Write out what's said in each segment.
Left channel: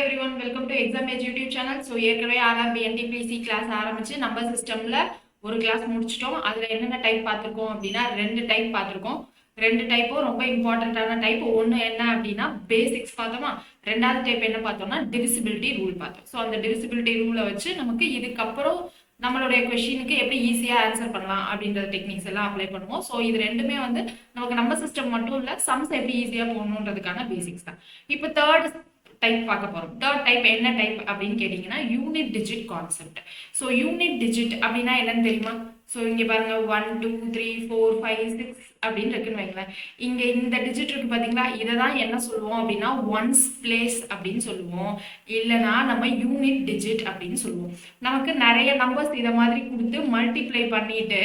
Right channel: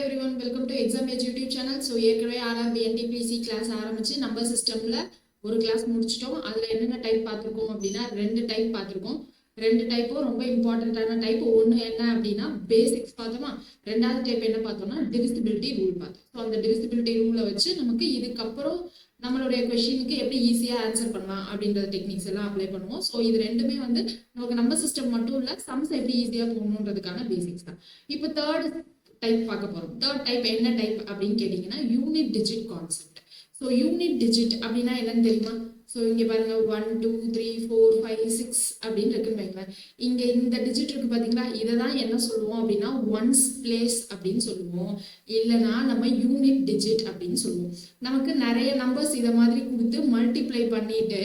everyone, welcome to Exam Edge YouTube channel. So ஏற்கனவே RRB NTPC class ஆரம்பிச்சு number சிஸ்டம்ல ஒரு கிளாஸ் முடிச்சிட்டோம். அதுல என்னென்ன டைப் பார்த்துருக்கோம் அப்படின்னா ரெண்டு டைப் பார்த்துருக்கோம். ரெண்டு டைப்பும் ரொம்ப இம்பார்ட்டன்டான டைப். ஒன்று என்ன அப்படின்னா பேசிக்ஸ் பார்த்தோமா, ரெண்டாவது டைப் என்ன பார்த்தோம்னா டிவிசிபிலிட்டி ரூல் பார்த்தோம். ஸோ அந்த டிவிசிபிலிட்டி ரூலை வச்சு நமக்கு இதுக்கப்புறம் நம்மளுடைய கொஷினுக்கு எப்படி ஈஸியாக ஆன்சர் பண்ணலாம் அப்படின்ற டெக்னிக்ஸ் எல்லாம் அப்ளை பண்ணுவோம். ஸோ இது ரெண்டுமே வந்து நமக்கு நம்பர் சிஸ்டம் மட்டும் இல்லை, சம்ஸ் எப்படி ஈஸியாக போகணுன்றதுக்கான பேசிக்ஸ் தான். இப்போ தேர்ட் டைப் பார்க்க போறோம். தேர்ட் டைப் என்ன டைப் அப்படின்னு கேட்டீங்கன்னா unit digit concept. So unit digit அப்படின்னா என்னன்னு தெரியுமா? ஸோ இங்கே பாருங்க 1 2 3 4 5 6 அப்படின்னு இருக்குன்னு வைங்களேன். இங்கே இந்த டிஜிட் இருக்கு பார்த்தீங்களா, இதை தான் என்ன சொல்லுவோம் அப்படின்னா ஒன்ஸ் பிளேஸ் அப்படின்னு சொல்லுவோம், இல்லைனா நம்ம யூனிட் டிஜிட் அப்படின்னு சொல்லுவோம். நமக்கு நிறைய நம்பர்ஸ் இதை மாதிரி கொடுத்து மல்டிப்ளை பண்ணிட்டு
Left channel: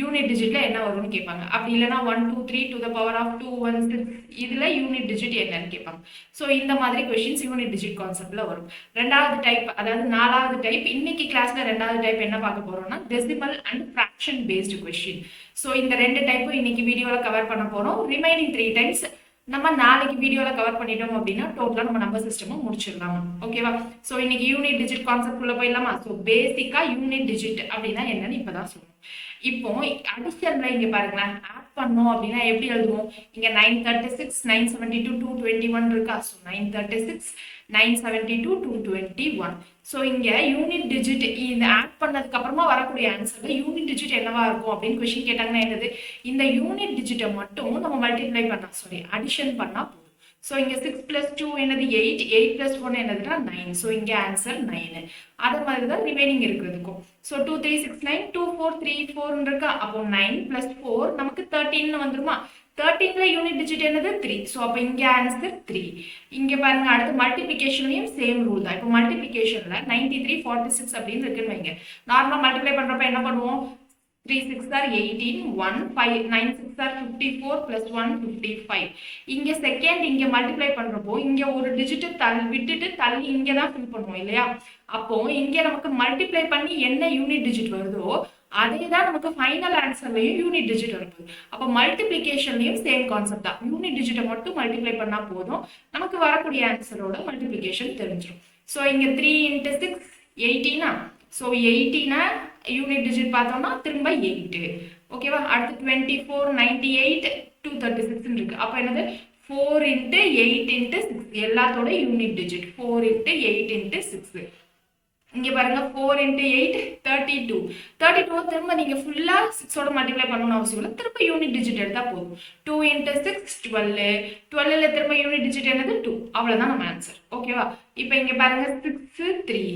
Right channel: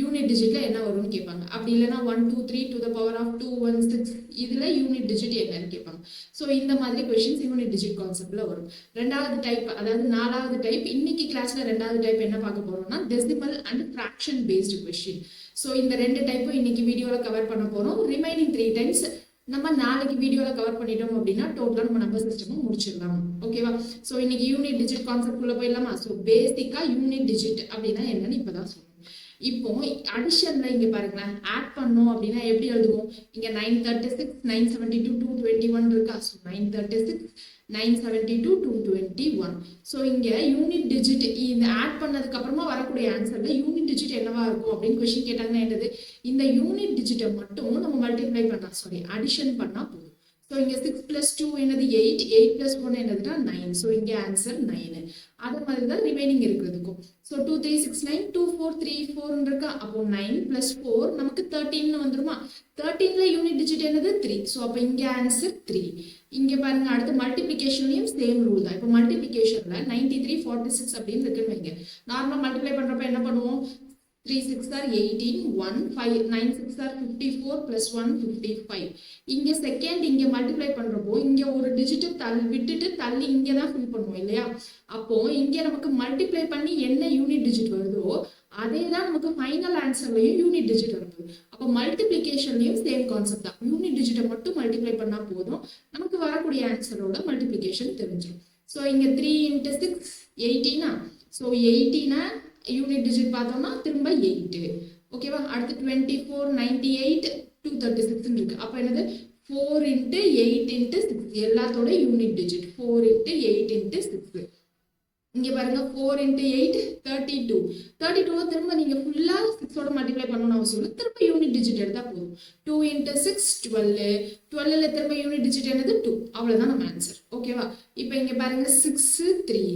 யூனிட் டிஜிட்ல என்ன வரும்னு கேட்பாங்க. அப்படி இல்லைனா 1 2 3 to the power of 2 1 6 இதுல யூனிட் டிஜிட் என்னன்னு கேட்பாங்க. ஸோ இந்த மாதிரி கொஸ்டின்ஸ் யூனிட் டிஜிட் கான்செப்ட்ல வரும். ரெண்டாவது டைப், அதாவது நாலாவது டைப், இன்னைக்கு கிளாஸ்ல ரெண்டாவது டைப் என்ன பார்க்க போறோம்னா decimal and fraction based question. So இந்த ரெண்டு டைப்பும் இன்னைக்கு வீடியோல கவர் பண்ண போறோம். ரிமைனிங் 3 டைம்ஸ் நம்ம நாளைக்கு வீடியோல கவர் பண்ணிட்டோம் அப்படின்னா டோட்டலா நம்ம நம்பர் சிஸ்டமும் முடிச்சிடலாம். ஓகேவா? ஸோ இன்னைக்கு யூனிட் டிஜிட் கான்செப்ட் உள்ள போயிடலாமா? ஸோ பேசிக்கா யூனிட் டிஜிட் அப்படின்னா என்னன்னு இப்பதான் சொல்லணும். இப்போ அடிஷன்ல இங்க பாருங்களேன், ஆட் பண்ணோம் அப்படின்னா எப்படி எழுதுவோம்? இங்க 936 972 221 இருக்கா? ஸோ 936 972 221. ஸோ இங்க யூனிட் டிஜிட் இந்த ஆட் பண்ணதுக்கு அப்புறமா வரக்கூடிய ஆன்சர்ல யூனிட் டிஜிட் என்னவா இருக்கும் அப்படின்னு கொஸ்டின் கேட்டாங்கன்னா என்னது, இந்த யூனிட் டிஜிட்டை மட்டும் நம்ம மல்டிப்ளை பண்ணா அடிஷன் பண்ணா போதும். ஸோ இங்கே 6 + 2 என்னது 8, 8 + 1 என்னதுன்னா 9. ஸோ இங்கே ஆன்சர் 9. அதே மாதிரி தான் ரிமைனிங் இருக்கிறதுக்கும். ஸோ 2 3 6 9 2 4 3 4 இருக்கா? அப்போ 9 + 4 நமக்கு 13 வந்துருமா? 13ல யூனிட் டிஜிட் என்னது 3. ஸோ அப்போ இங்கே ஆன்சர் 3. இங்கே பாருங்க, அடுத்து மல்டிபிகேஷன்லையும் சேம் ரூல் தான். இப்போ மல்டிபிகேஷன்ல 93 46 அப்படின்னு இருக்குன்னு வைங்க. நார்மலாக மல்டிப்ளை பண்றப்ப என்ன பண்ணுவோம்? 3 6 are 18 1 5 9 6 are 54 plus 1 55. இங்க செகண்ட் இங்க மல்டிப்ளை பண்றப்போ இங்க ஒரு டிஜிட் விட்டுட்டு தள்ளி இங்க தான் ஃபில் பண்ணுவோம் இல்லையா? அப்போ இங்க நமக்கு மல்டிப்ளை பண்ணி என்ன யூனிட் டிஜிட் வருதோ அதே தான் நமக்கு ஃபைனல் ஆன்சர்லயும் யூனிட் டிஜிட் வருது. அப்போ மல்டிப்ளிகேஷன்லயும் சேம் கான்செப்ட் தான். யூனிட் டிஜிட்டை மட்டும் மல்டிப்ளை பண்ணா போதும், நமக்கு வரக்கூடிய ஆன்சரோட மல்டிப்ளிகேஷன் தெரிஞ்சிடும். ஸோ இங்க 3 × 6 18. ஸோ 18 யூனிட் டிஜிட் பார்த்தோம்னா திரும்ப 8. ஓகேவா? அடுத்து 24 98 236 இருக்கு. அப்போ என்னது 4 × 8 × 6 எல்லாத்தோட யூனிட் டிஜிட் 4 × 8 × 6. இங்க பாருங்க 4 × 8 32. 32 திரும்ப நீங்க ஃபுல்லா 6ஓட மல்டிப்ளை பண்ணணும்னு அவசியம் இல்லை, திரும்ப யூனிட் டிஜிட் எடுத்தா போதும். 2 × 6 12. 12ல திரும்ப யூனிட் டிஜிட் என்னது 2. அவ்வளவுதான் நம்ம ஆன்சர். ஓகேவா? இப்போ இங்க பாருங்க 6 3.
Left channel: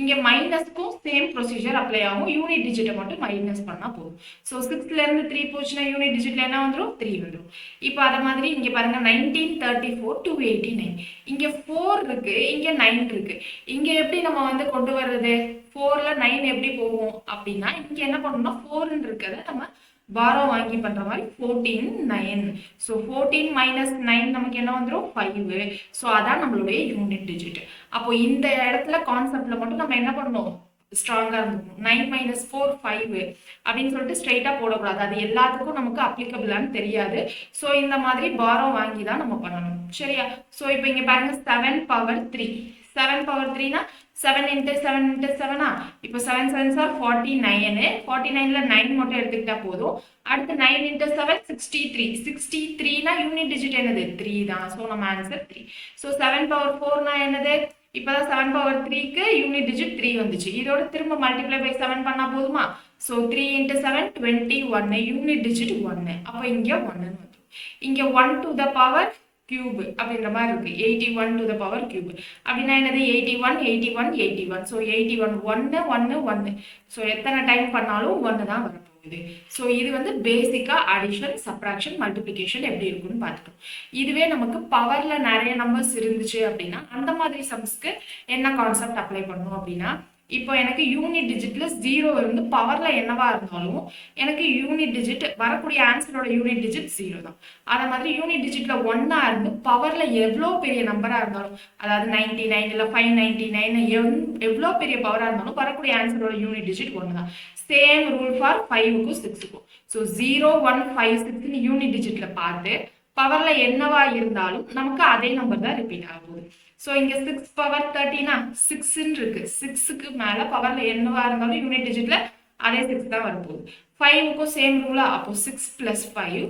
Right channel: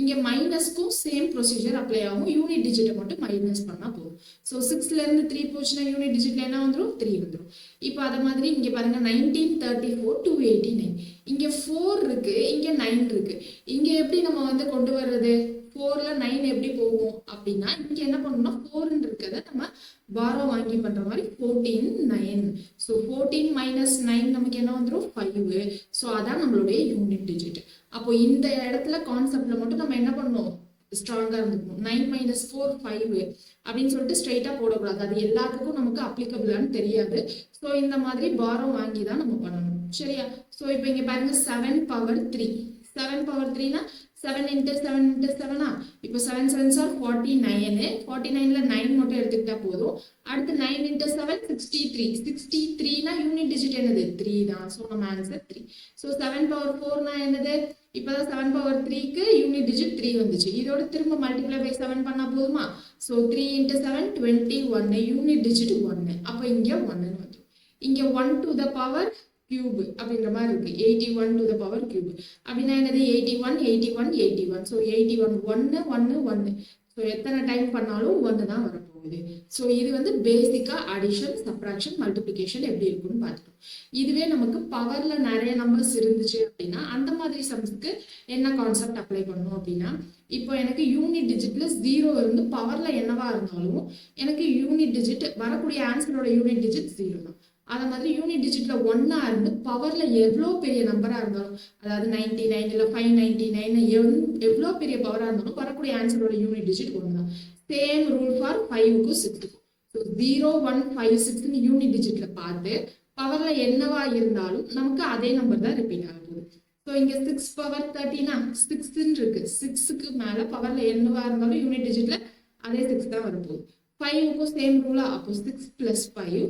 இங்க மைனஸ்க்கும் சேம் ப்ரொசீஜர் அப்ளை ஆகும், யூனிட் டிஜிட்டை மட்டும் மைனஸ் பண்ணா போதும். ஸோ 6ல இருந்து 3 போச்சுன்னா யூனிட் டிஜிட்ல என்ன வந்துடும்? 3 வந்துடும். இப்போ அதே மாதிரி இங்க பாருங்க 1934 289. இங்க 4 இருக்கு, இங்க 9 இருக்கு. இங்க எப்படி நம்ம வந்து கொண்டு வர்றது? 4ல 9 எப்படி போகும் அப்படின்னா இங்க என்ன பண்ணணும்னா 4 இருக்கிறத நம்ம பாரோ வாங்கி பண்ற மாதிரி 14 9. ஸோ 14 - 9 நமக்கு என்ன வந்துடும்? 5. ஸோ அதான் நம்மளுடைய யூனிட் டிஜிட். அப்போ இந்த இடத்துல கான்செப்ட்ல மட்டும் நம்ம என்ன பண்ணணும்? ஸ்ட்ராங்கா இருந்துக்கணும். 9 - 4 5 அப்படின்னு சொல்லிட்டு ஸ்ட்ரெயிட்டா போடக்கூடாது, அது எல்லாத்துக்கும் நமக்கு அப்ளிகபிளான்னு தெரியாது. ஸோ இந்த மாதிரி பாரோ வாங்கி தான் நம்ம பண்ணணும். சரியா? ஸோ இப்போ இங்க பாருங்க 7 பவர் 3. 7 பவர் 3னா 7 × 7 × 7. இப்போ 7 7s are 49. 49ல 9 மட்டும் எடுத்துக்கிட்டா போதும். அடுத்து 9 × 7 63. 63னா யூனிட் டிஜிட் என்னது? 3 தான். ஸோ நம்ம ஆன்சர் 3. ஸோ 7 பவர் 4னா என்னது? இப்போதான் 7 பவர் 3க்கு யூனிட் டிஜிட் 3 வந்துச்சு. இதோட திரும்ப மல்டிப்ளை பை 7 பண்ணா போதுமா? ஸோ 3 × 7 21. Unit digit 1. அப்போ இங்க 1 வந்துடும். இங்க 1 to the power cube அப்படின்ற மாதிரி இருக்கு. 81 to the power cube அப்படின்னா என்னது? 81 81 81. ஸோ 81 1 1 1. ஸோ எத்தனை டைம் பண்ணாலும் 1 தான் வரப்போகுது. ஸோ இது வந்து பேசிக்கா அடிஷன் சப்ராக்ஷன் மல்டிப்ளிகேஷன் எப்படி இருக்குன்னு பார்த்துட்டோம். இதுவே நமக்கு பவர்ல நிறைய நம்பர்ஸ் இருந்துச்சு அப்படின்னா அந்த மாதிரி சம்ஸ்க்கு என்ன கான்செப்ட் அப்ளை பண்ணணும் அப்படின்னா, இப்போ எனக்கு யூனிட் டிஜிட்ல 0 இருந்து பவர்ல என்னவா இருந்தாலும் எனக்கு யூனிட் டிஜிட் வரக்கூடிய ஆன்சரோட யூனிட் டிஜிட் 0 தான். அதே மாதிரி யூனிட் டிஜிட்ல 1 இருந்து பவர்ல எவ்வளோ பெரிய நம்பரா இருந்தாலும், அதாவது 99 இல்லை 599 எவ்வளோ பெரிய பவரா இருந்தாலும் வரக்கூடிய ஆன்சரோட யூனிட் டிஜிட் 1 தான். சேம் ரூல் ஃபார் 5க்கும் 6க்கும். ஸோ 0 1 5 6 யூனிட் டிஜிட்ல பார்த்து பவர்ல என்னவா இருந்தாலும் நமக்கு அதே நம்பர் தான் ரிப்பீட் ஆகுது. ஸோ இங்கே 6 பவர் 30னா 6ன்னு இருக்கு. 6க்கு மேலே பவரில் என்னவா இருந்தாலும் யூனிட் டிஜிட்ல அதே 6 தான் வரப்போகுது. 5க்கும் சேம் ரூலா, அப்போ 6 + 5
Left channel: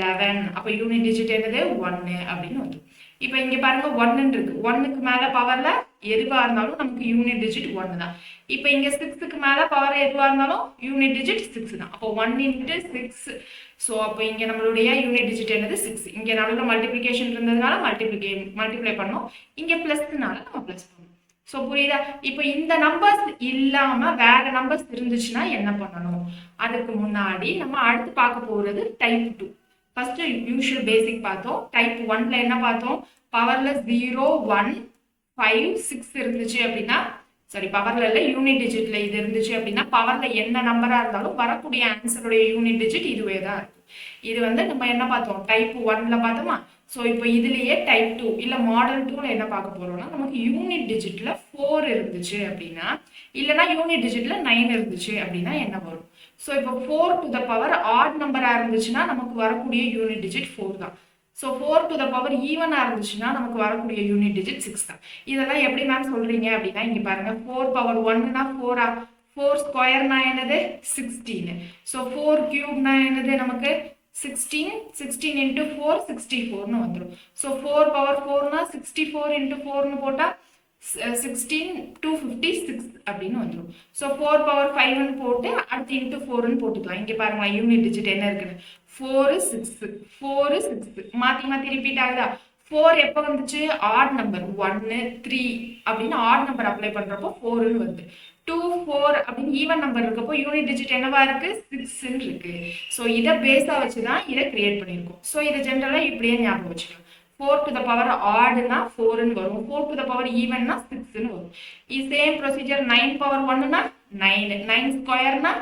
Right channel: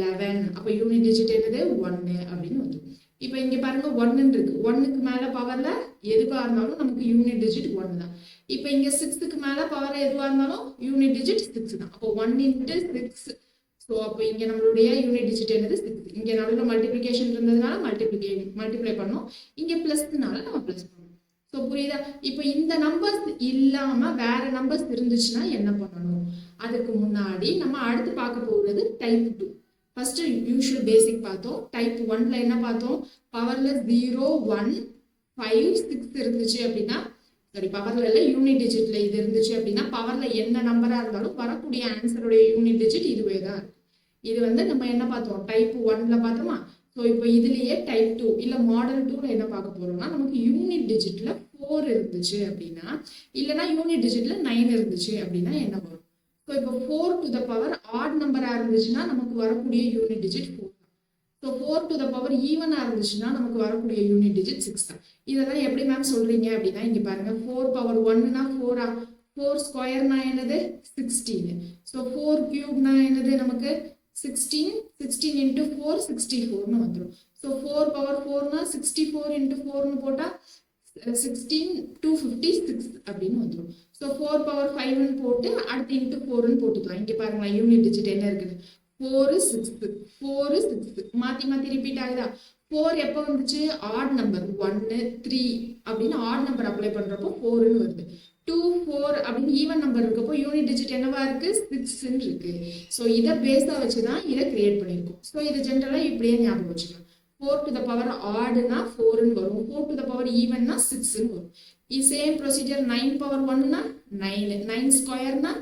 11. அப்போ யூனிட் டிஜிட் என்னது 1 அப்படின்னு வந்துடும். இப்போ இங்கே பாருங்க 1 இருக்கு. 1க்கு மேலே பவரில் எதுவாக இருந்தாலும் நமக்கு யூனிட் டிஜிட் 1 தான். இப்போ இங்கே 6க்கு மேலே பவர் எதுவாக இருந்தாலும் யூனிட் டிஜிட் 6 தான். அப்போ 1 × 6. ஸோ அப்போ இங்கே நம்மளுடைய யூனிட் டிஜிட் என்னது 6. இங்கே நடுவில் மல்டிப்ளிகேஷன் இருந்ததுனால மல்டிப்ளை பண்ணோம். இங்கே ப்ளஸ்னால நம்ம ப்ளஸ் பண்ணோம். ஸோ புரியுதா? இப்போ இந்த நம்பர்ஸ் இல்லாமல் வேற நம்பர்ஸ் இருந்துச்சுன்னா என்ன பண்ணணும்? அதுக்கு முன்னாடி நம்ம அடுத்து பார்க்க போகிறது டைப் 2. ஃபர்ஸ்ட் யூஷுவல் பேசிக் பார்த்தோம். டைப் 1ல என்ன பார்த்தோம்? பவர்ல 0 1 5 6 இருந்துச்சு அப்படின்னா, சாரி பவர்ல இல்லை யூனிட் டிஜிட்ல இது இருந்துச்சு அப்படின்னா, பவர்ல என்ன நம்பரா இருந்தாலும் வரக்கூடிய ஆன்சருடைய யூனிட் டிஜிட் இதுவே தான் இருக்கும். இது வந்து நம்ம என்ன பார்த்தோம்? டைப் 1ல பார்த்தோமா? ஸோ இப்போ இதுலேயே டைப் 2 இல்லை மாடல் 2ல என்ன பார்க்க போறோம்னா, நமக்கு யூனிட் டிஜிட்ல 4 இருந்துச்சு அப்படின்னா, இல்லைன்னா யூனிட் டிஜிட்ல 9 இருந்துச்சு அப்படின்னா என்ன வரும்? ஸோ இப்போ 4 to the power ஆட் நம்பராக இருந்துச்சுன்னா நமக்கு வரக்கூடிய யூனிட் டிஜிட் 4 தான். ஸோ 4 to the power ஈவனாக இருந்துச்சுன்னா நமக்கு வரக்கூடிய யூனிட் டிஜிட் 6 தான். இதெல்லாம் எப்படி மேம் சொல்றீங்க அப்படின்னா, இங்கே பாருங்க 4 power 1னா 4 4 ஸ்கொயர்னா என்னது 16. ஸோ 4 கியூப்னா என்னது நமக்கு 16 16 × 4 64னு வந்துடும். ஸோ 4 power 4னா 64 × 4னு போட்டால் 16 256 அப்படின்னு வந்துடும். ஸோ 4 power 5ன்னு போட்டு அடுத்து இன்ட்டு 4ன்னு போட்டுக்கலாம். இங்கே பாருங்க யூனிட் டிஜிட் என்ன இருக்குன்னு 4 6 4 6 மாற்றி மாற்றி ரிப்பீட் ஆகுதா? 4 எப்போ வந்துச்சு? ஆட் நம்பர் 1 3 அப்படின்னு ஆட் நம்பர் அப்ளை பண்ணுறப்போ 4ன்னு வருது. 2 4 அப்படின்னு ஈவன் நம்பர் இருக்கப்போ யூனிட் டிஜிட் என்னவா இருக்கு? 6ன்னு இருக்கு. ஸோ இதை பேஸாக வச்சு தான் இதை கிரியேட் பண்ணியிருக்கோம். ஸோ இதை ஜென்ரலாக இப்படியே ஞாபகம் வச்சுக்கலாம். 4 to the power ஆடுனா 4ன்னு வரும். 4 to the power ஈவன்னா 6ன்னு வரும். இது சேம் ப்ரொசீஜர் 9 power 1னா 9 9 ஸ்கொயர்னா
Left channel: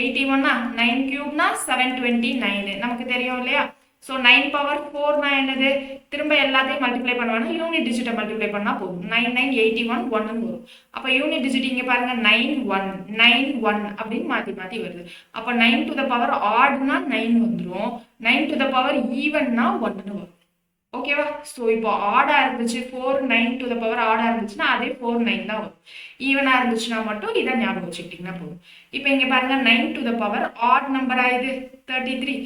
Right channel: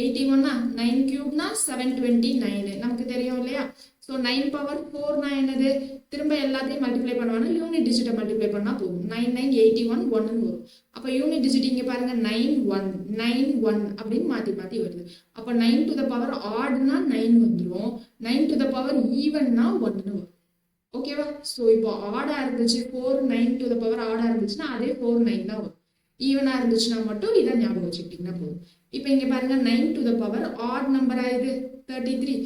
81னா 9 கியூப்னா 729 நமக்கு தெரியும் இல்லையா? ஸோ 9 power 4னா என்னது? திரும்ப எல்லாத்தையும் மல்டிப்ளை பண்ணுவாங்க. யூனிட் டிஜிட்டை மல்டிப்ளை பண்ணால் போதும். 9 9 81 1ன்னு வரும். அப்போ யூனிட் டிஜிட் இங்கே பாருங்க 9 1 9 1 அப்படின்னு மாற்றி மாற்றி வருது. அப்போ 9 to the power ஆடுனா 9 வந்துடும். 9 to the power ஈவன்னா 1ன்னு வரும். ஓகேவா? ஸோ இப்போ ஆடா இருந்துச்சு 4 9 to the power ஆடா இருந்துச்சுன்னா அதே 4 9 தான் வரும். ஈவனா இருந்துச்சுன்னா மட்டும் இதை ஞாபகம் வச்சுக்கிட்டீங்கன்னா போதும். இப்போ இங்கே பாருங்க 9 to the power ஆட் நம்பரா இது 33.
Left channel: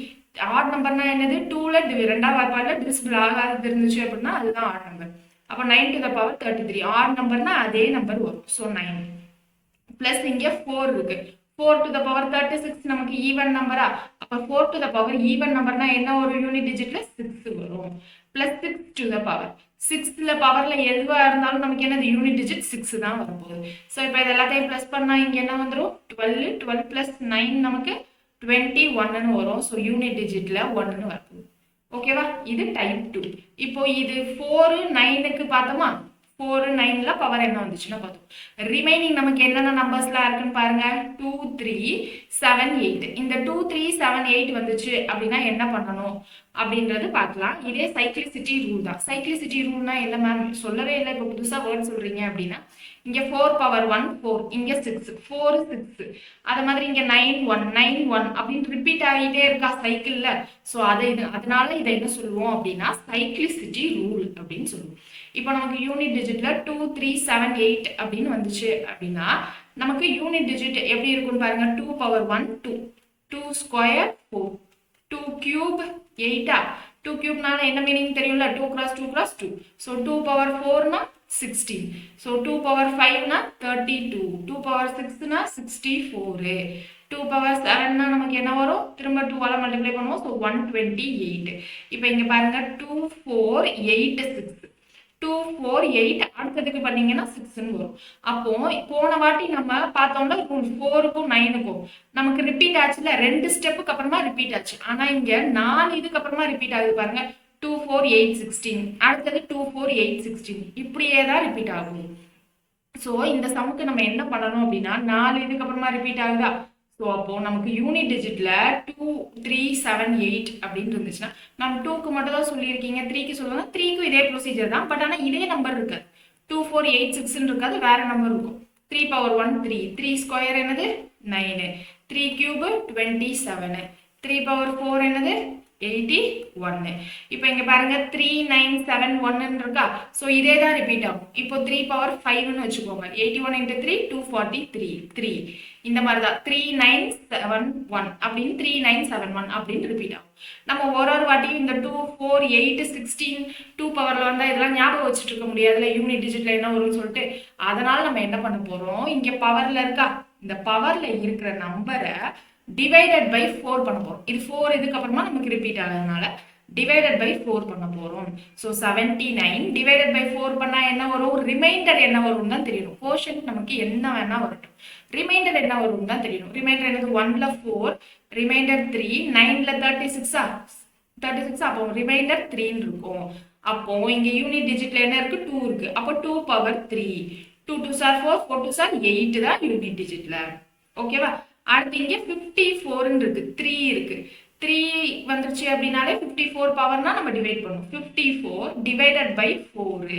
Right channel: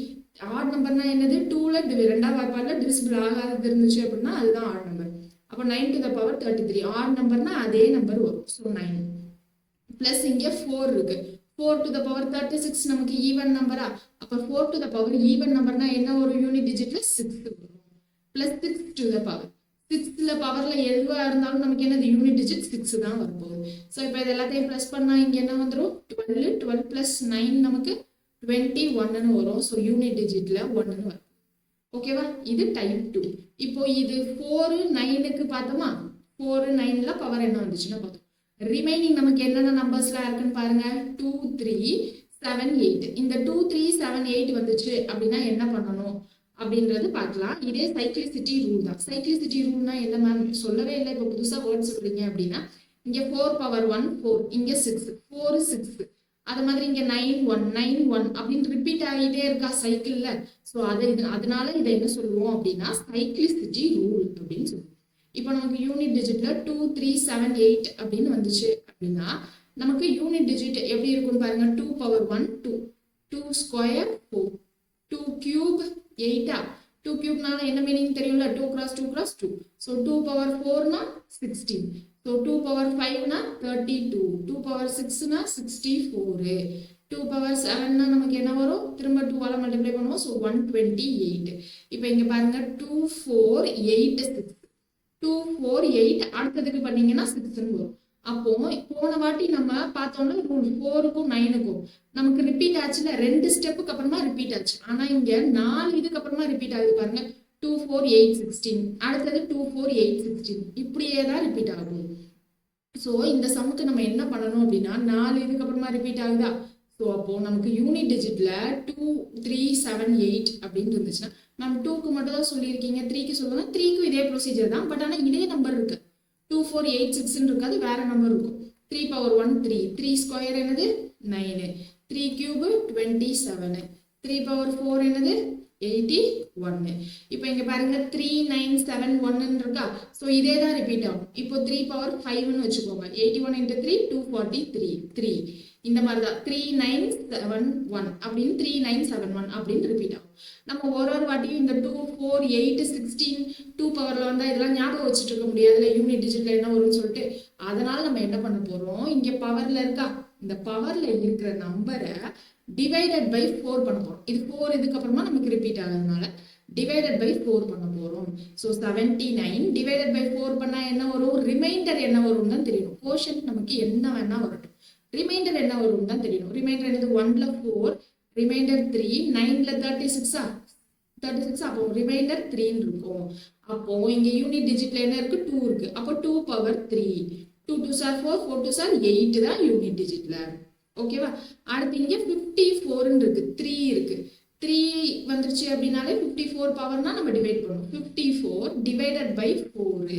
ஆட் நம்பர்னா என்னது? 2ல ரெண்டாவது வாய்ப்பாடுல டிவிசிபிள் ஆகாதது இருந்துச்சு அப்படின்னா அதுதான் ஆட் நம்பர். அப்போ 9 to the power 33 ஆட் நம்பர்னா அதே நம்பர் வரும். ஸோ 9 பிளஸ் இங்கே 4 இருக்கு. 4 to the power 36 நமக்கு ஈவன் நம்பரா? அப்போ 4 to the power ஈவன் நம்பர்னா என்ன ஒரு யூனிட் டிஜிட்ல 6 வரும். பிளஸ் 6 to the power 6ல பவர்ல எதுவாக இருந்தாலும் நமக்கு என்னது? யூனிட் டிஜிட் 6 தான் வரப்போகுது. ஸோ இப்போ இது எல்லாத்தையும் ப்ளஸ் பண்ணால் இங்கே என்ன வந்துடும்? 12 12 + 9 நமக்கு 21ன்னு வரும். ஸோ யூனிட் டிஜிட்ல 1ன்னு வரப்போகுது. ஓகேவா? இது டைப் 2. இப்போ இது 4 9க்கு பார்த்தோமா? 4 9ல பவர் என்ன வந்துச்சுன்னா பார்த்தோம். ரிமைனிங் நமக்கு என்னென்ன நம்பர்ஸ்லாம் இருக்குன்னு பாருங்க. 2 3 7 8. இந்த 2 3 7 8 வந்துச்சு அப்படின்னா என்ன பண்ணணும் அப்படின்றது பார்க்கலாம். இதே சைக்ளிசிட்டி ரூல் தான். சைக்ளிசிட்டி ரூல்னா என்ன மேம்? சொல்லவே இல்லை, இப்போ புதுசாக வேர்ட் சொல்றீங்க அப்படின்னா, இங்கே 4 power 1 4, இங்கே 6 4 6, அது மாதிரி இங்கே 9 1 9 1 அப்படின்னு ரிப்பீட் ஆகிட்டே இருக்கா சைக்கிளில். ஸோ அதனால இதை என்ன சொல்லுவோம் அப்படின்னா சைக்ளிசிட்டி ரூல் அப்படின்னு சொல்லுவோம். இப்போ நமக்கு யூனிட் டிஜிட்ல 2 3 7 8 அப்படின்னு வந்துச்சு அப்படின்னா நமக்கு யூனிட் டிஜிட் எப்படி இருக்குன்னு பாருங்க. 2 power 1 2 2 ஸ்கொயர் 4 2 கியூப் 8. 2 கியூப்னால என்ன மீனிங் தெரியும்ல? 2 × 2 × 2. So 2 power 4னா 16. So 2 power 5னா 32. 2 power 6னா 64. 2 power 7னா நமக்கு என்ன வரும்? திரும்ப 2ஆல் மல்டிப்ளை பண்ணுவோம். ஸோ 128. இப்போ இங்கே பாருங்க 2 4 8 6 2 4 8 அடுத்ததுக்கு பண்ணீங்கன்னா 6ன்னு வரும். அப்போ போன வாட்டி நம்ம பார்த்தோம்னா 4க்கும் 9க்கும் நமக்கு ரிப்பீட் ஆச்சுல, 2 ஸ்டெப்புக்கு அப்புறமா ரிப்பீட் ஆச்சு. ஆனா இங்க 4 இதுக்கு அப்புறமா ரிப்பீட் ஆகுது பாருங்க. 2 4 8 16 அடுத்தது 2 4 8 16 இப்படியே தான் ரிப்பீட் ஆகும். ஸோ இந்த சமுக்கு நம்ம என்ன பண்ணணும் அப்படின்னா 4 இதுக்கு அப்புறமா ரிப்பீட் ஆகுதா? ஸோ அப்போ நமக்கு யூனிட் டிஜிட்ல 2 3 7 8 அப்படின்னு இருந்துச்சுன்னா நம்ம 2க்கு மட்டும் தான் சொல்லியிருக்கீங்க. 3க்கு சொல்லுவாங்க. 3க்கும் இதே ப்ரொசீஜர் தான். பட் ஆனால் இதே நம்பர் இருக்கு. 2 4 8 6ன்னு இருக்காது, வேற நம்பர் இருக்கும். 3 power 1 3 3 ஸ்கொயர் என்னது 9 3 கியூப் 27 3 power 4 என்னது 81. இப்போ இங்க பாருங்க 3971 இருக்கா. ஸோ இதே தான் ரிப்பீட் ஆகும். இப்போ 3 பவர் 5ன்னு வச்சுக்கோங்க. 81 into 3 243 3 இந்த மாதிரி தான் 3971 அப்படின்னு 3971 அப்படின்னு ரிப்பீட் ஆகும். நம்ம ஒரு வாட்டியும் இந்த 2 4 8 16 2 பவர்ல வந்தா இதெல்லாம் ஞாபகம் வச்சுட்டு இருக்க முடியாதுல, யூனிட் டிஜிட்ல என்ன வரும்னு சொல்லிட்டு. அதனால நம்ம என்ன பண்ண போறோம், இங்க பவர்ல இருக்கா, இந்த பவர்ல இருக்கிற நம்பரை டிவைடட் பை 4 பண்ண போறோம். இது 4 இதுக்கு அப்புறமா நமக்கு ரிப்பீட் ஆகிறதுனால டிவைடட் பை 4 பண்ண போறோம். ஸோ 79 டிவைடட் பை 4 பண்ணா என்ன வரும், ரிமைண்டர் என்ன வரும் தான் தெரியணும். கோஷன்ட் நமக்கு என்ன வேணா வரட்டும், ரிமைண்டர் என்ன வரும் தான் தெரியணும். ரிமைண்டர் என்னது, 1ல 4, ரிமைண்டர் 3, 9ல 36 36, அப்போ ரிமைண்டர் 3 இருக்கும். அப்போ இங்க யூனிட் டிஜிட்ல என்ன இருக்கு, 2 இருக்கு. அப்போ 2 power 3, 2 2s are 4, 4 2s are 8 தான் யூனிட் டிஜிட்ல. ஓகேவா. அடுத்து இங்க 54 இருக்கு, 3 இருக்கு. 3 வந்துருச்சு அப்படின்னாலே 54 பவர்னா நம்ம டிவைட் பண்ணும். 54 டிவைடட் பை 4.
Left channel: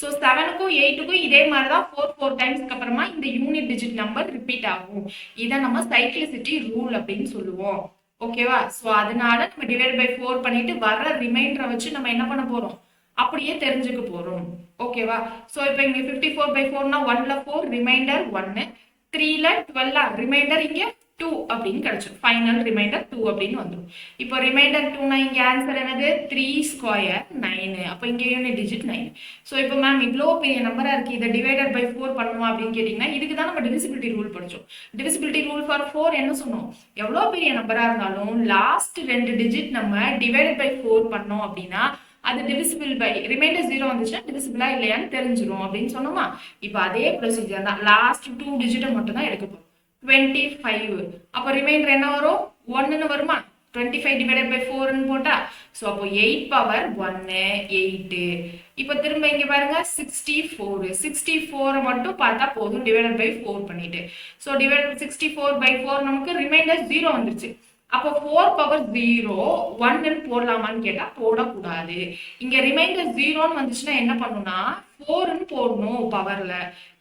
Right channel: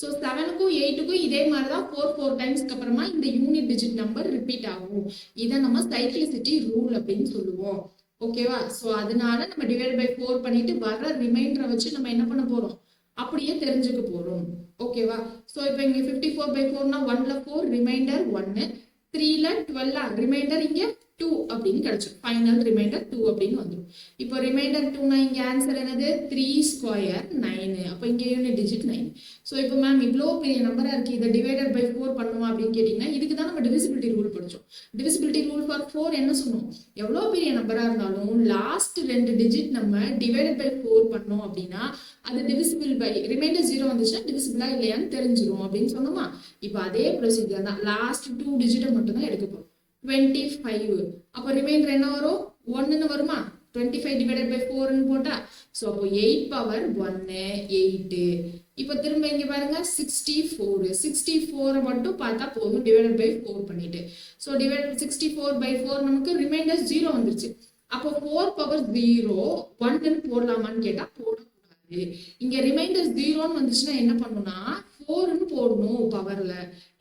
ஸோ 7க்கும் 8க்கும் இதே மாதிரி தான் 4 4 டைம்ஸ்க்கு அப்புறமா இந்த யூனிட் டிஜிட் நம்பர் ரிப்பீட் ஆகும். இதை நம்ம சைக்ளிசிட்டி ரூல் அப்படின்னு சொல்லுவோம். ஓகேவா. ஸோ அதனால நம்ம டிவைட் பை 4 பண்ணிட்டு வர ரிமைண்டரை வச்சு நம்ம என்ன பண்ண போறோம், அப்படியே தெரிஞ்சுக்க போறோம். ஓகேவா. ஸோ இப்போ இங்க 54 by 4னா 1ல 4, ரிமைண்டர் 1, 3ல 12, ரிமைண்டர் இங்க 2 அப்படின்னு கிடைச்சிடும். ஃபைனல் ரிமைண்டர் 2 அப்படின்னு வந்துடும். இப்போ ரிமைண்டர் 2னா இங்க ஆன்சர் என்னது, 3 ஸ்கொயர் 9. அப்போ இங்க யூனிட் டிஜிட் 9. ஸோ இப்போ மேம் இவ்வளோ பெரிய நம்பரா இருக்கு, இதை டிவைடட் பை 4 பண்ணுமா அப்படின்னு கேட்டீங்கன்னா, இதுக்கு தான் நம்ம டிவிசிபிலிட்டி ரூல் படிச்சோம். டிவிசிபிலிட்டி ரூல் ஃபார் 4 என்ன சொன்னோம், எவ்வளோ பெரிய நம்பரா இருந்தாலும் லாஸ்ட் 2 டிஜிட் நம்ம டிவைடட் பை 4 பண்ணோம் அப்படின்னா அது டிவிசிபிள் பை, ரிமைண்டர் 0 வந்துச்சுன்னா டிவிசிபிளா இல்லையான்னு தெரிஞ்சிடும் அப்படின்னு சொன்னோமா. இப்போ அதே ப்ரொசீஜர் தான், லாஸ்ட் 2 டிஜிட்டை மட்டும் தான் எடுக்க போறோம். 25. அப்போ ரிமைண்டர் என்ன வரும், 1ன்னு வருமா. 25 டிவைடட் பை 4ன்னு போட்டா, ஸோ அப்போ 8 பவர் 1 8. இப்போ திரும்ப இங்க பாருங்க 64. 64 மட்டும் பார்த்தா போதும் டிவைடட் பை 4 பண்ணிட்டு. ஸோ டிவைட் 64 by 4 நமக்கு ரிமைண்டர் 0 வந்துருச்சு. அப்போ 4 பவர் 0 1ன்னு போடலாமான்னு கேட்டா போடக்கூடாது. இங்க ரிமைண்டர் 0ன்னு வந்துச்சுன்னா என்ன பண்ணுனா 4ன்னு போடணும் பவர்ல.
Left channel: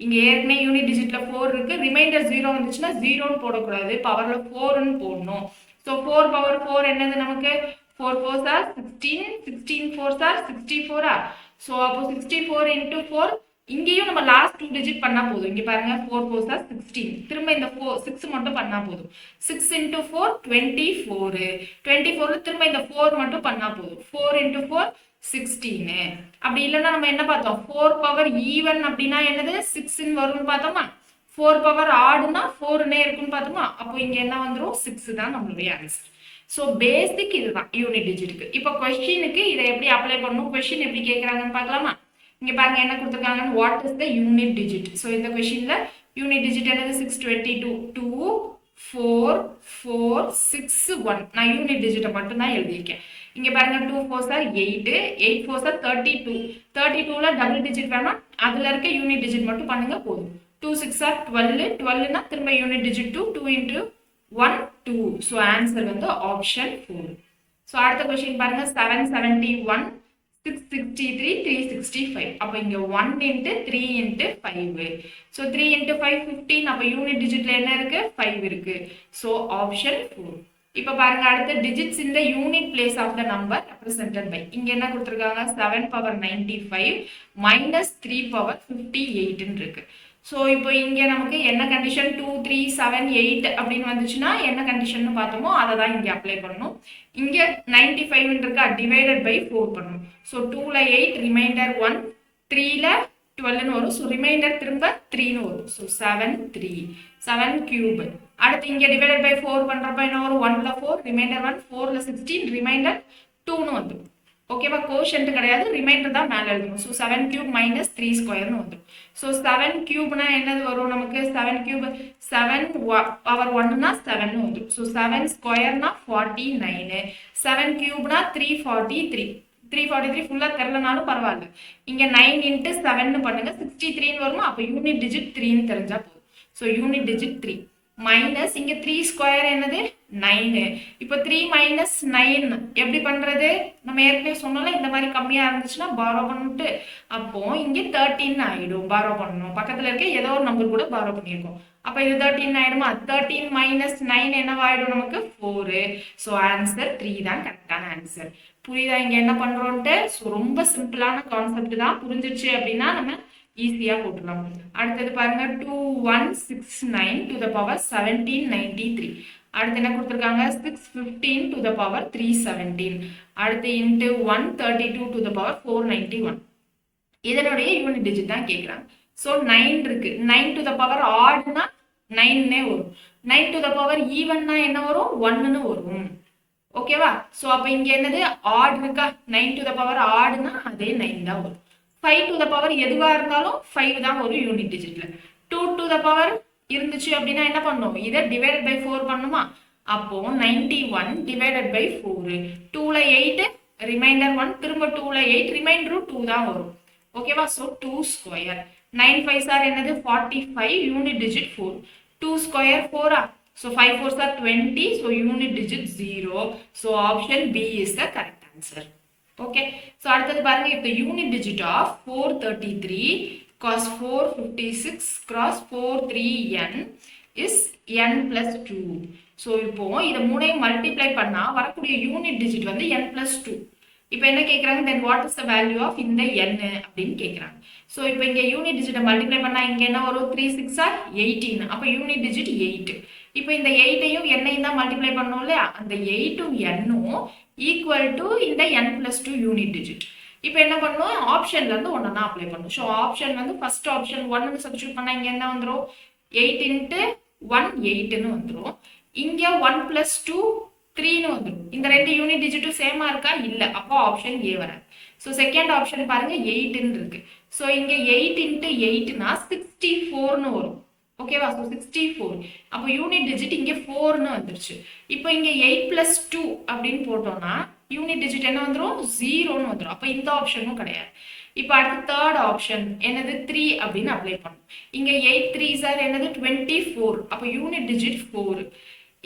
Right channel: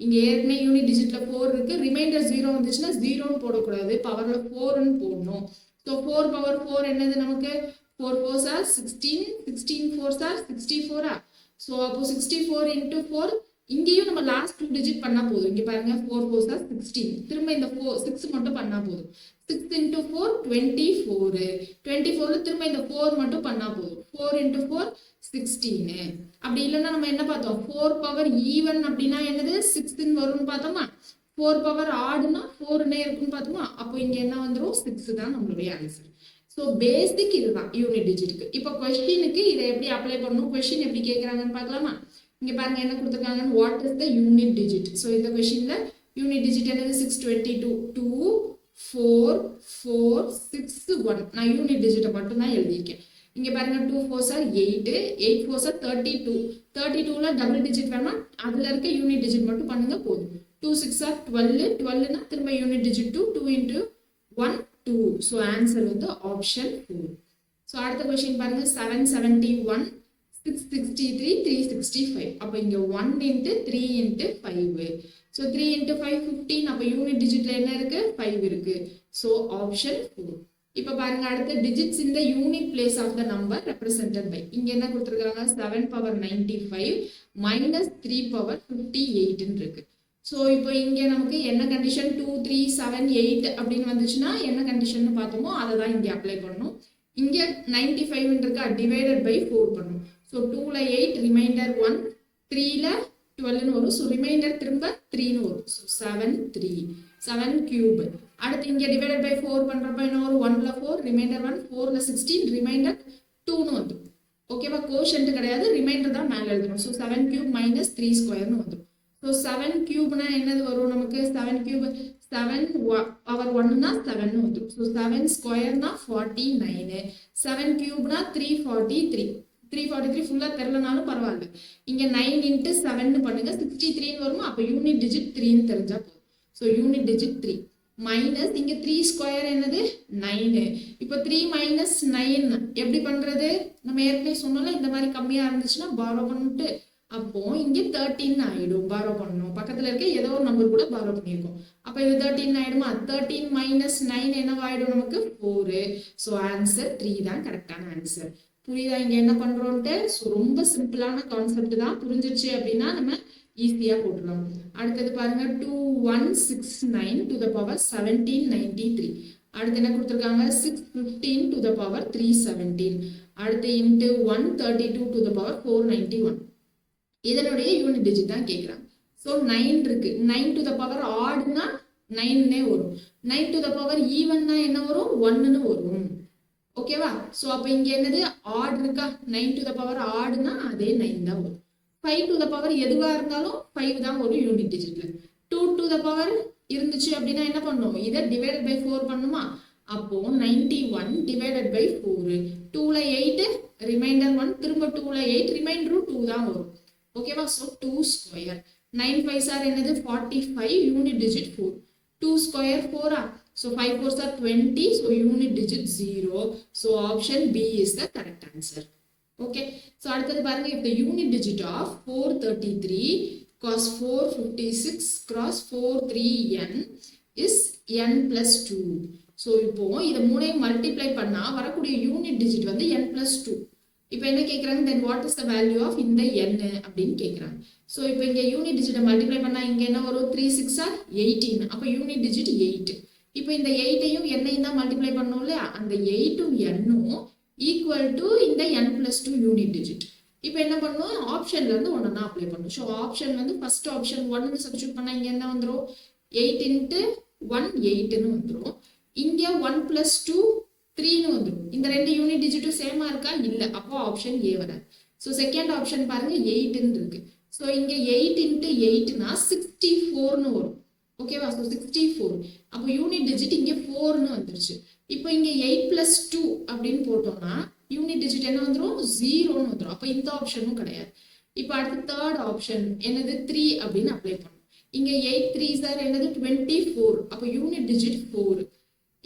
இங்க ஏற்கனவே யூனிட் டிஜிட்ல 4 இருக்கு, ரிமைண்டர் 0 வந்துச்சுன்னா 0ன்னு போடக்கூடாது, பவர்ல 4ன்னு போடணும். ஸோ 4 பவர் 4 என்னது நமக்கு, 4 4s are 16, 16 4s are 64. So அப்போ 64 into 4, இங்கேயும் நம்ம லாஸ்ட் 2 டிஜிட் பண்ணா போதும். இங்க பாருங்க 4 4s are 16, திரும்ப இந்த 6 மட்டும் பண்ணா போதும். 6 into 4 24, 24ல திரும்ப இந்த 4 மட்டும் பண்ணா போதும். 4 into 4 16. அப்படி இல்லைன்னா நம்ம என்ன பார்த்தோம், 4 பவர் ஈவன் அப்படின்னா என்னது 6ன்னு வரும்னு பார்த்தோமா. 4 பவர் ஆடுனா 4ன்னே இருக்குன்னு பார்த்தோமா. அப்போ இங்க என்ன வந்துடும், 6 தான் நம்மளுடைய ஆன்சர். ஸோ பேசிக் இதுதான் யூனிட் டிஜிட்டுக்கு. இப்போ கொஸ்டினுக்கு இதை எப்படி அப்ளை பண்ணணும், கொஸ்டின் எப்படி கேட்குறாங்கன்னு பார்க்கலாமா. இங்க பாருங்க என்ன கொடுத்துருக்காங்கன்னு, what is the unit digit. So இந்த கொஸ்டின்ல யூனிட் டிஜிட் என்னது 622, 2 4 4 6 1. நான் யூனிட் டிஜிட்டை மட்டும் தான் எழுதியிருக்கேன். இங்க பாருங்க 2 4s are 8, 8 4s are 32. 32ல double digit வேணா, அதுல இருக்க யூனிட் டிஜிட் மட்டும் பண்ணுங்க போதும். 2 6 are 12, 12னா திரும்ப unit digit 2, 2 into 1 2. So answer வந்து ஆப்ஷன் 4. ஸோ அடுத்த கொஸ்டின் பாருங்க 771, 663, 365. அப்போ இங்க 1 into 3 into 5. So 3 into 5 15. அப்போ யூனிட் டிஜிட்ல என்ன இருக்கு, 5 இருக்கு. So option 4. இப்போ பாருங்க அடுத்த டிஜிட்ஸ் இந்த unit place of the number represented by, இங்க என்ன கொடுத்துருக்காங்க 7 பவர் 95 மைனஸ் 3 பவர் 58 இருக்கு. ஸோ இப்போ இங்க நமக்கு என்ன கண்டிஷன், 2 3 7 8 அப்படின்னு வந்துச்சுன்னா என்ன கண்டிஷன் பார்த்தோமோ அதை தான் இங்க அப்ளை பண்ணணும். இங்க 95 இருக்கா, டிவைடட் பை 4 பண்ணணும். ஸோ 2ல 8, ரிமைண்டர் 1, 3ல 12ன்னு வரும். ஸோ ரிமைண்டர் திரும்ப 3ன்னு வரும். So 7 3 7 cube. அடுத்து இங்க டிவைடட் பை 4 பண்றப்ப என்ன வரும், 1ல 4, ரிமைண்டர் 1, 4ல 16, ரிமைண்டர் 2ன்னு வந்துடும். ஓகேவா. கோஷன்ட் கிடையாது, ரிமைண்டர் தான் மேலே எழுதணும். ஸோ 7 கியூப் மைனஸ் 3 ஸ்கொயர்னு வந்துடும். ஸோ 7 கியூப்னா என்னது வரும் நமக்கு, 7 கியூப் 7 பவர் 1னா 7ன்னு வந்துடும். ஸோ 7 ஸ்கொயர்னா 49, 7 கியூப்னா 343. 343 ஃபுல்லா தெரியலனாலும் பரவாயில்ல. இங்க 9 into 7ன்னு பண்ணுங்க, 63ன்னு வருமா. அப்போ யூனிட் டிஜிட் 3ன்னு தெரிஞ்சா போதும். So unit digit 3. மைனஸ் இங்க 3 ஸ்கொயர் என்னது 9. இப்போ 3 மைனஸ் 9 எப்படி பண்றது? நம்ம ஏற்கனவே சொன்னோம்ல, இந்த மாதிரி கம்மியா இருந்துச்சுன்னா பாரோ பண்ணிட்டு அப்போ இங்க 13 ஆயிடும். பாரோ பண்ணணும், பக்கத்துல இருக்க ஏதோ ஒரு நம்பர் கூட பாரோ பண்ணியிருக்கோம். அப்ப இது 13 ஆயிடுமா? 13 மைனஸ் 9 என்னவாயிடும் நமக்கு 4. ஸோ ஆன்சர் 3 தான் கரெக்டான ஆன்சர். புரியுதா இங்க என்ன பண்றோம்ட்டு? ஸோ ரொம்ப சிம்பிளான கான்செப்ட் தான். புரிஞ்சிருச்சு அப்படின்னா நம்ம ஈஸியா போட்டுடலாம். அடுத்தது பாருங்க 2169 to the power 1793. அடுத்து என்ன கொடுத்துருக்காங்க? 615 to the power 317. அடுத்து இன்ட்டு 132 to the power 491. இதனுடைய யூனிட் டிஜிட் தான் கேட்குறாங்க. ஸோ 9 இருக்கு. 9 to the power ஆட்னா 9னே வரும். 9 to the power ஈவன்னா என்ன வரும்? 1ன்னு வரும். ஓகேவா? ஸோ அப்போ இங்க என்னது ஆட் இருக்கா? 9 to the power ஆடுனா அதே 9 தான் வரும். 5 to the power எதுவா இருந்தாலும் 5 தான் ஒரு யூனிட் டிஜிட்ல. 2 to the power இருந்துச்சு அப்படின்னா என்ன பண்ணும்? இதை டிவைடட் பை 4 பண்ணுமா? அப்போ 91 டிவைடட் பை 4. 2ல 8 ரிமைண்டர் 1, திரும்ப 2ல 8 ரிமைண்டரும் 2 தான் வரும். ஓகேவா? So 2 square. 9 5s are என்னது 45, unit digit 4. 2 square 4 so 5 4s are 20, so unit digit 0. So option B is the correct answer. Okay, so அடுத்தது பாருங்க, if the unit digit of 433 cos 456 cross 43n is n plus 2. So இப்போ இதை மூணையும் multiply பண்ணா வரக்கூடிய unit digit வந்து n plus 2. இப்போ என்ன கேட்குறாங்க? Then what is the value of இந்த n அப்படின்னு கேட்குறாங்க. ஸோ இப்போ இங்கே யூனிட் டிஜிட்டை மல்டிப்ளை பண்ணால் இங்கே என்ன வரும்? 3 6 are 18. அப்போ யூனிட் டிஜிட் 8. இப்போ இந்த 8ஐயும் n-ஐயும் தான் மல்டிப்ளை பண்ணோம் இல்லையா? அந்த 8உம் n-உம் ஈக்குவல் டு இந்த n plus 2 யூனிட் டிஜிட். இப்போ என்ன பண்ணணும்? ஆப்ஷன்ல இருந்து ஒன்னா அப்ளை பண்ணணும். ஸோ ஆப்ஷன் வந்து ஃபர்ஸ்ட் ஆப்ஷன் 1 சப்ஸ்டியூட் பண்ணா இங்க என்ன வந்துடும்? 8 into 1 8ன்னு வந்துடும். இங்க 1 plus 2 3ன்னு வந்துடும். இந்த ரெண்டு யூனிட் டிஜிட்டும் சேமா இருக்கா? இல்ல. அப்போ ஆப்ஷன் ஏ வராது. ஸோ செகண்ட் ஆப்ஷன் பாருங்க 8ன்னு இருக்கு. ஸோ இங்க 8 into 8னா 64ன்னு வரும். ஓகேவா? ஸோ 64. அப்போ யூனிட் டிஜிட் இங்கே 4ன்னு வந்துருச்சு. இப்போ இங்கே 8 plus 2 அப்படின்னு போட்டோம்னா யூனிட் டிஜிட் என்ன வந்துடும்? 0ன்னு வந்துடும். அப்போ இந்த ஆப்ஷனும் கிடையாது. இப்போ அடுத்து தேர்ட் ஆப்ஷன் என்னது? 3 அப்படின்னு அப்ளை பண்ணும். இங்கே 8 3s are என்னது? 24. அப்போ யூனிட் டிஜிட் 4.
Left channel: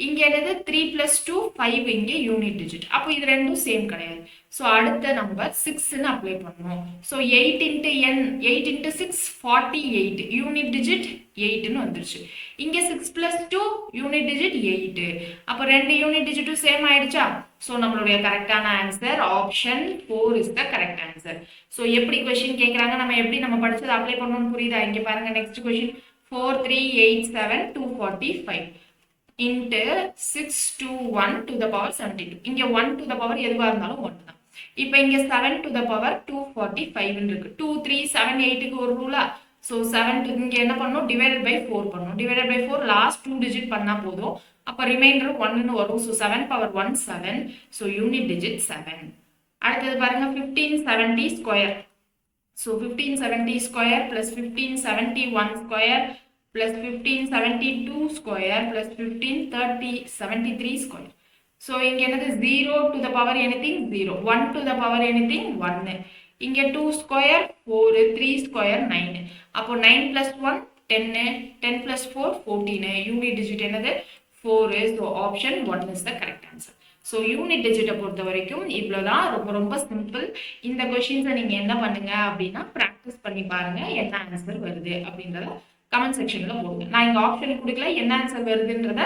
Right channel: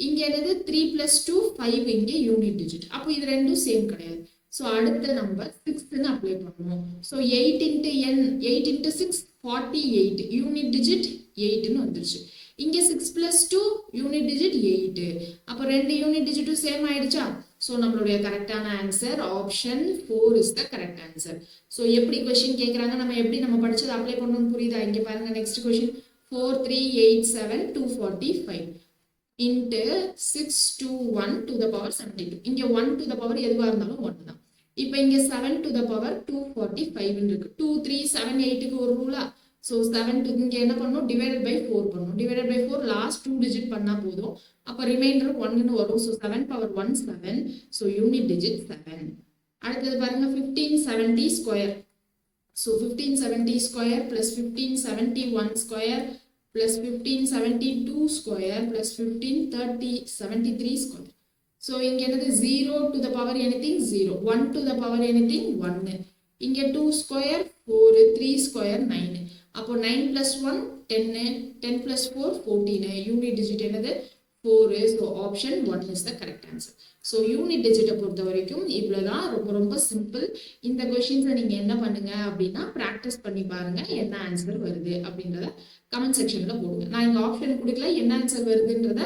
இங்கே என்னது? 3 plus 2 5. இங்கே யூனிட் டிஜிட். அப்போ இது ரெண்டும் சேம் கிடையாது. ஸோ அடுத்த நம்பர் 6ன்னு அப்ளை பண்ணணும். So 8 into n 8 into 6 48. Unit digit 8ன்னு வந்துருச்சு. இங்கே 6 plus 2 யூனிட் டிஜிட் 8. அப்போ ரெண்டு யூனிட் டிஜிட்டும் சேம் ஆயிடுச்சா? ஸோ நம்மளுடைய கரெக்டான answer option 4 is the correct answer. So எப்படி கொஸ்டின் கேட்குறாங்க, நம்ம படிச்சதை அப்ளை பண்ணணும்னு புரியுதா? இங்கே பாருங்க next question 4387 245 into 621 to the power 72. இங்கே 1 to the power எதுவாக இருந்தாலும் 1 தான். இப்போ இங்கே 7 to the power 245 இருக்கு. 2 3 7 8க்கு ஒரு ரூலா. ஸோ 7 இங்கே என்ன பண்ணணும்? டிவைடட் பை 4 பண்ணணும். டிவைடட் பை 4 லாஸ்ட் 2 டிஜிட் பண்ணால் போதும். அப்போ ரிமைண்டர் 1ன்னு வரும். So 7 power 1 7. So unit digit 7. அடுத்தது பாருங்க 1570 square. So 1570 square plus 1571 square plus 1572 square plus 1573 square. So இங்க என்னது 0 to the power anything 0, 1 to the power anything 1. இங்க 2 square 4, 3 square 9. அப்போ 9 plus 1 10, 10 plus 4 14. யூனிட் டிஜிட் என்னது 4. So option 1 is the correct answer. So unit டிஜிட்டை பொறுத்த வரைக்கும் இவ்வளோதான். ரொம்ப ரொம்ப சிம்பிள். இந்த கொஷின்ஸை நீங்கள் என்ன பண்ணுங்க அப்படின்னா ப்ராக்டிஸ் பண்ணி பாருங்க என்ன ஆன்சர் வருது அப்படின்றத கமெண்ட் செக்ஷனில் போடுங்க. நான் இங்கே ஆப்ஷன் கொடுக்கல, என்ன ஆன்சர் வருதுன்றத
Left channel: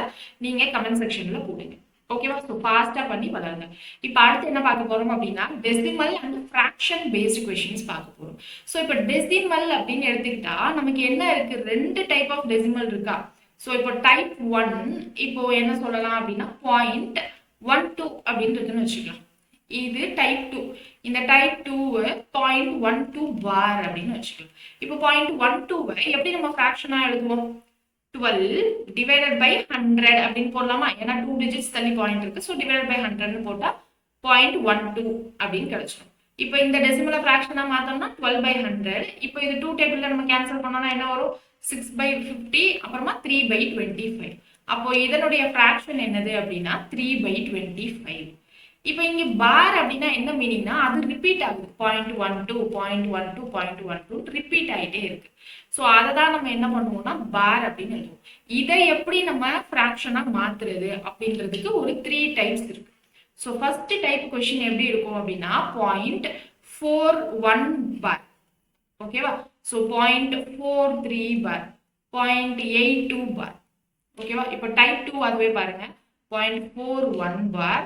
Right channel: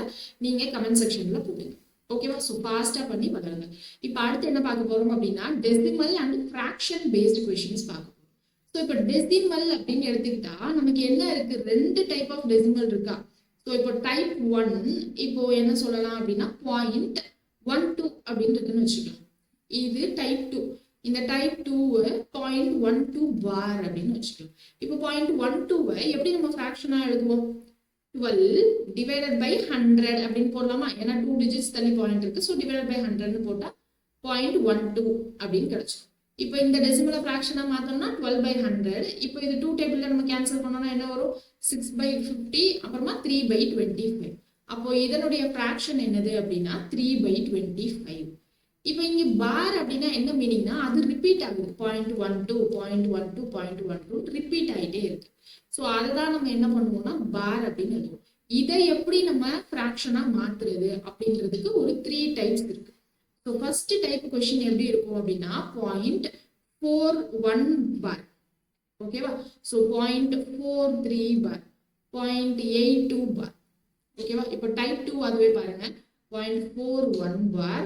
நீங்கள் கமெண்ட் செக்ஷனில் போடுங்க. ஓகேவா? ஸோ ஃபாஸ்ட்டாக பண்ணி பழகுங்க. இப்போ அடுத்து என்ன பார்க்க போகிறோம் அப்படின்னா decimal and fraction based questions பார்க்க போகிறோம். ஸோ இப்போ டெசிமல் அப்படின்னு எடுத்துக்கிட்டா நமக்கு என்ன இருக்குது? 2 டைப் ஆஃப் டெசிமல் இருக்கா? ஸோ இப்போ டைப் 1 இப்போ என்ன சொல்லலாம் அப்படின்னா 0.12 அப்படின்னு இருக்குன்னு வச்சுக்கலாம். இது டைப் 2. இந்த டைப் 2 0.12 பார் அப்படின்னு வச்சுக்கலாம். இப்போ 0.12 எப்படி நம்ம ஃப்ராக்ஷனா எழுதுவோம்? 12 டிவைடட் பை 100 அப்படின்னு போடலாமா? ஏன்னா 2 டிஜிட்ஸ் தள்ளி பாயிண்ட் இருக்கு. ஸோ டிவைடட் பை 100ன்னு போட்டா 0.12 அப்படின்னு கிடைச்சிடும். இப்போ இந்த டெசிமலை ஃப்ராக்ஷனா மாத்தோம்னா 12 by 100. இப்போ இது 2 டேபிள்ல நம்ம கேன்சல் பண்ணோம்னா என்ன வரும்? 6 by 50 அப்புறமா 3 by 25. அப்போ இதனுடைய ஃப்ராக்ஷன் என்னது அப்படின்னா 3 by 25. இப்போ இங்க பார் அப்படின்னா என்ன மீனிங்னா அது ரிப்பீட் ஆகுது. 0.12 0.12 0.12 ரிப்பீட் ஆகிட்டே இருக்கு. ஸோ அதை தான் நம்ம என்ன பண்ணுவோம்னா பார் அப்படின்னு எழுதுவோம். இதை எப்படி நம்ம ஃப்ராக்ஷனா மாத்துறது அப்படின்றதுக்கு ஒரு 3 டைப்ஸ் இருக்கு. ஸோ ஃபர்ஸ்ட் டைப் கொஸ்டின் எப்படி இருக்கும் அப்படின்னா 0.41 பார். ஓகேவா? ஸோ 0.43 பார், 0.82 பார். ஓகேவா? இப்போ டைப் 2 அதுவே பாருங்க, 0.41 பார்,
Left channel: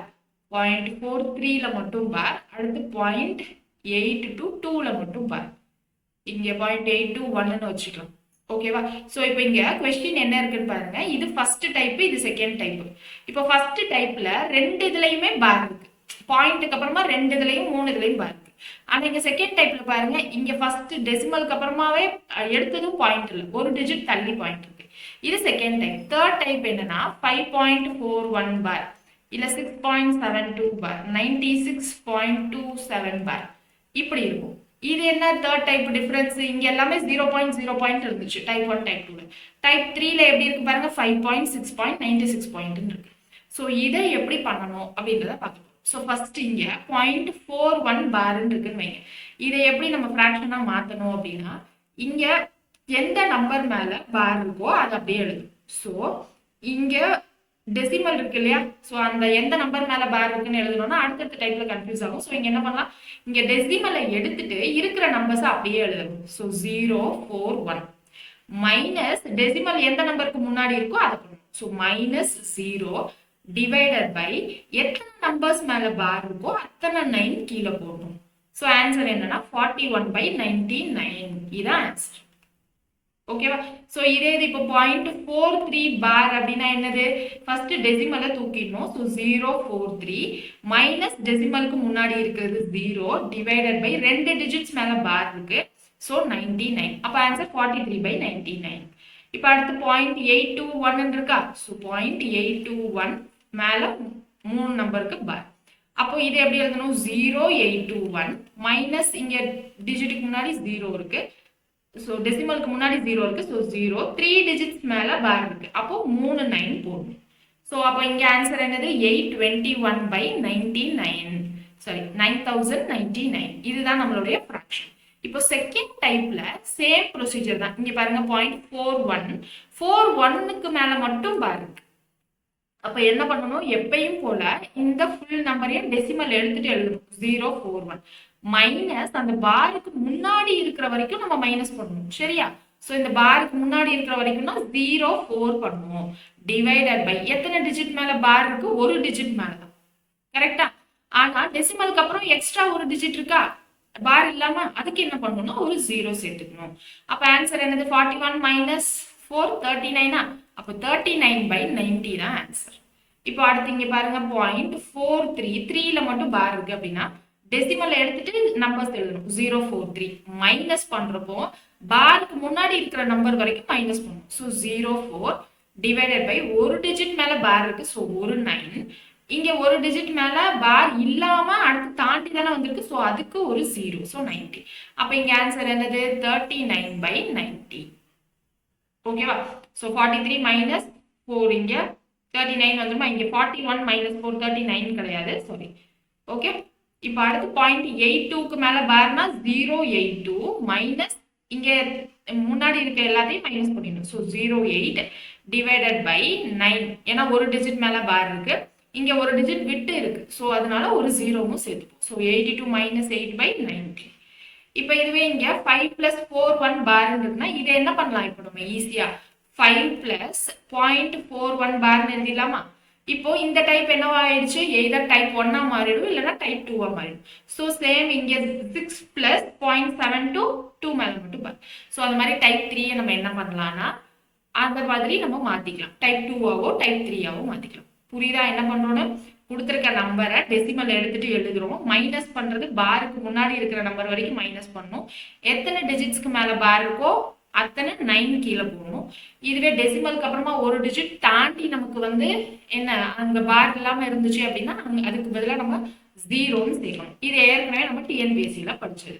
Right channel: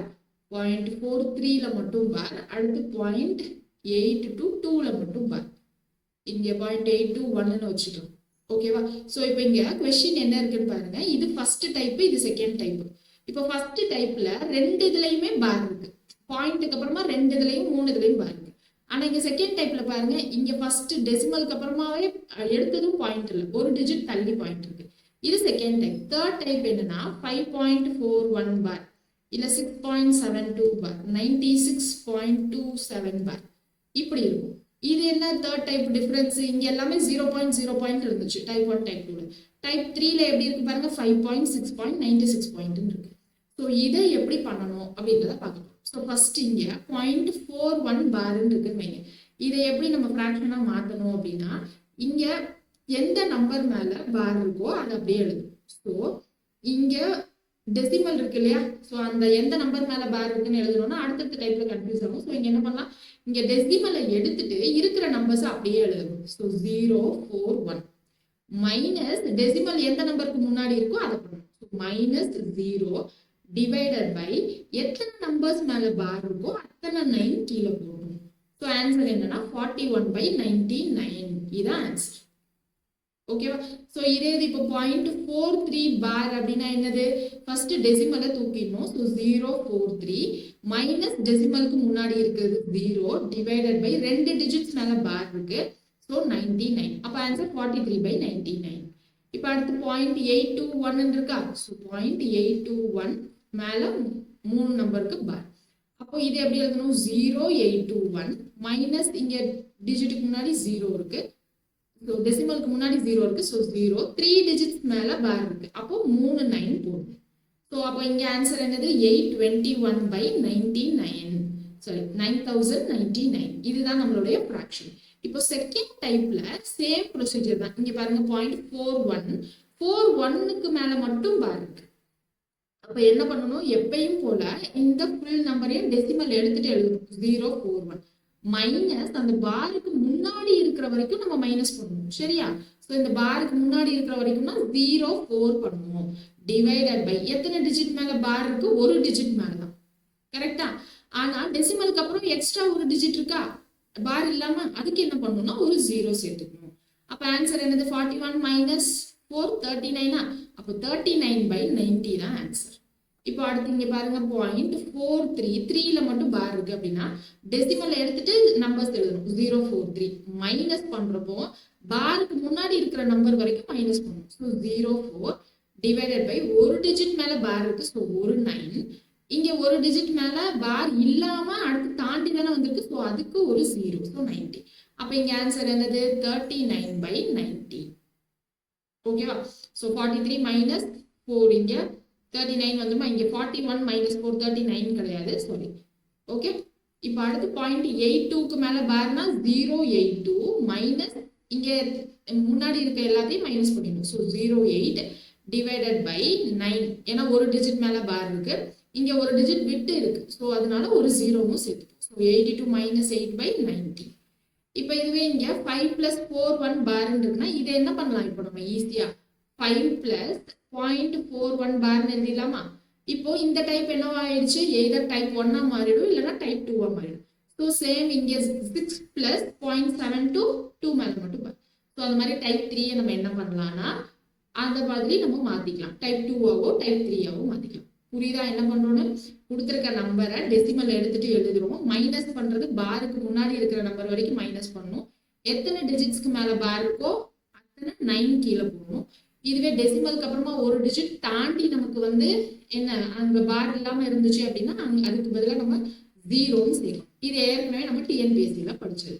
0.43ல மட்டும் பார், அடுத்து 0.82 2ல மட்டும் பார். இங்க 0.821ன்னு வச்சுக்கலாம். ஓகேவா? ஸோ இப்போ இங்க கொஸ்டின் என்ன இருக்குன்னு பாருங்க. இது ஃபர்ஸ்ட் டைப், இது செகண்ட் டைப். இப்போ ஃபர்ஸ்ட் டைப்ல ரெண்டு இதுலயுமே பார் இருக்கு. பாயிண்ட்டுக்கு அப்புறமா ரெண்டு இதுலயும் 3 இதுலயும் பார் இருக்கு. ஆனா இங்க செகண்ட் டைப்ல பாருங்க, இங்க ஃபர்ஸ்ட் டெசிமலுக்கு அப்புறமாவே எடுத்ததும் பாயிண்ட் இல்லை, ஒரு டிஜிட் தள்ளி பாயிண்ட் இருக்கு. இது செகண்ட் டைப். தேர்ட் டைப் என்னன்னா 5.41 பார், இல்ல 6.72 பார், 96.27 பார், இப்படி இருக்கும். இது என்ன தேர்ட் டைப் டிஃபரன்ஸ்? இங்க எல்லாமே 0.0 இருந்துச்சு டைப் 1 டைப் 2ல. டைப் 3ல எப்படி இருக்கு பாருங்க, 5.6.96 பாயிண்ட் இருக்கு. ஸோ இதை எப்படி பண்ணணும் அப்படின்றத பார்க்கணும். ஸோ ஃபர்ஸ்ட் இங்க 0.41 பார்ன்னு இருக்குன்னு வைங்க. இதை எப்படி நம்ம ஃப்ராக்ஷனா மாத்தணும் அப்படின்னா, இங்க எந்த நம்பர் மேல பார் இருக்கோ அதை அப்படியே எழுதும். ஸோ இங்க டெசிமல் இருக்கு இல்லையா? ஸோ அந்த எந்த நம்பர் மேல பார் இருக்குன்னு எழுதணும்னா அடுத்தடுத்த டைப்ல கன்ஃபியூஸ் ஆகும். ஸோ இங்க என்ன பண்ணலாம், இங்க டெசிமலை எடுத்துட்டு இருக்கிற நம்பர்ஸ் அப்படியே எழுதணும். ஸோ 041 மைனஸ் டெசிமல் எந்த நம்பருக்கு முன்னாடி இருக்கோ அதை பண்ணணும். ஸோ -0 டிவைடட் பை எத்தனை நம்பர்ஸ் மேல பார் இருக்கோ அத்தனை 9 கீழே போடணும். ஸோ ஆன்சர் என்னன்னா 41/99. இதான் ஆன்சர். ஓகேவா? ஸோ இதே இது இப்போ 0.43 பார் அப்படின்னா என்னது, ஃபர்ஸ்ட் டெசிமலை தூக்கிடணும். ஸோ 043 மைனஸ் டெசிமலுக்கு முன்னாடி இருக்கிறது 0 டிவைடட் பை ரெண்டு டிஜிட்ஸ் மேல பார் இருக்கு. ஸோ 99. அப்போ ஆன்சர் 43/99. இப்போ அடுத்து 0.821 இருக்கா? ஸோ 0.821 மேல 3 நம்பருக்கு பார். அப்போ இது எப்படி எழுதணும், 0.821 மைனஸ் இங்க டிஜிட்டுக்கு முன்னாடி 0 இருக்கு. ஸோ டெசிமலுக்கு முன்னாடி 0 இருக்கு. ஸோ 0 3 டிஜிட்ஸ் மேல பார் இருக்கு. அப்போ 3 9 போடணும். ஸோ அப்போ இங்க ஆன்சர் என்னது, 821/99. சாரி 9099. இதுதான் நம்மளுடைய ஃப்ராக்ஷன். இப்போ செகண்ட் டைப்ல சேம் ப்ரொசீஜர் தான். இங்க பாருங்க 0.41க்கு மேல மட்டும் பார் இருக்கு. அப்ப என்ன பண்ணணும், எப்பயும் போல இந்த ஃபுல் நம்பரையும் டெசிமல் எடுத்துட்டு எழுதணும். 041 மைனஸ் அந்த பாருக்கு முன்னாடி இருக்கிற வரைக்கும் நம்ம மைனஸ் பண்ணணும். சரியா? சோ இந்த பாருக்கு முன்னாடி இருக்கிற வரைக்கும்னா 04 பண்ணுவோம். டிவைடட் பை எத்தனை டிஜிட் மேல பார் இருக்கு, ஒரு டிஜிட் மேலதான். கரெக்டா? ஆனா டெசிமலுக்கு அப்புறம் எக்ஸ்ட்ரா ஒரு டிஜிட் இருக்கா பார் இல்லாம, அதுக்கு என்ன பண்ணணும்னா ஒரு 0 சேர்த்துக்கணும். அப்ப ஆன்சர் என்னது, 41 மைனஸ் 4 39. அப்ப 39/90 தான் ஆன்சர். இப்போ அடுத்து இங்க பாருங்க 0.43 3ல மட்டும் பார் இருக்கு அப்படின்னா டெசிமல் எடுத்துட்டு நம்பர்ஸ் எழுதணும். 043 மைனஸ் பண்றப்போ பாருக்கு முன்னாடி இருக்கிற நம்பர் வரைக்கும் மைனஸ் பண்ணணும். ஸோ 04 டிவைடட் பை ஒரு டிஜிட் மேல பார் இருக்கு. ஸோ ஒரு 9. இங்க ஒரு டிஜிட் மேல பார் இல்லாம அடுத்து தாண்டி தானே வந்திருக்கு. ஸோ அதுக்கு ஒரு 0. ஸோ 90. அப்ப இங்க ஆன்சர் என்னது, 39/90. ஓகேவா? ஸோ 43 மைனஸ் 4 இங்க 39 வந்துருமா, இங்க 41 மைனஸ் 4 39 கிடையாது, சாரி. ஓகே, இப்போ அடுத்து 0.82க்கு மேல பார்னா 082 மைனஸ் இங்க முன்னாடி இருக்க எல்லாத்தையும் மைனஸ் பண்ணிடணும். So 08 divided by 9. ஏன்னா ஒரு டிஜிட் மேல பார் இருக்கு, இங்க ஒரு டிஜிட் விட்டு இருக்கு. ஸோ அதனால ஒரு 0வும் சேர்த்துப்போம். So 82 minus 8/90. இப்போ இதுவே இங்க 5 பிளஸ் 41 பார் இருக்குன்னா இதை என்ன பண்ணலாம், இப்போ நம்ம ஈஸியா 5 பிளஸ் 0.41 பார்னு எழுதிடலாமா? இப்போ இந்த டைப் என்னவா ஆயிடுச்சு, எய்தர் டைப் 1ஆ மாறிடும் இல்லைன்னா டைப் 2ஆ மாறிடும். ஸோ சேம் இங்க 6 பிளஸ் 0.72 2 மேல மட்டும் பார். ஸோ அது மாதிரி டைப் 3 நம்ம என்ன பண்ணலாம்னா அந்த மாதிரி நம்ம மாத்திக்கலாம். டைப் 2ஆவோ டைப் 3ஆவோ மாத்திக்கலாம். புரியுதா என்ன பண்றோம்னு? கொடுத்துருக்க நம்பரை டெசிமல் எடுத்துட்டு எழுதுறோம். மைனஸ் பண்றது பாருக்கு முன்னாடி இருக்கிற நம்பர் வரைக்கும் மைனஸ் பண்ணணும். எத்தனை டிஜிட்ஸ்க்கு மேல பார் இருக்கோ அத்தனை 9 கீழே போகணும். இதுவே டெசிமலுக்கு அப்புறமா ஒரு டிஜிட் தாண்டி நமக்கு வந்து என்ன அங்க பார் இல்லாம இருந்துச்சு அப்படின்னா அதுக்கு பதிலாக நம்ம 0ன்னு சேர்க்கணும். இது ஏற்கனவே நம்ம டிஎன்பிஎஸ்சில படிச்சது.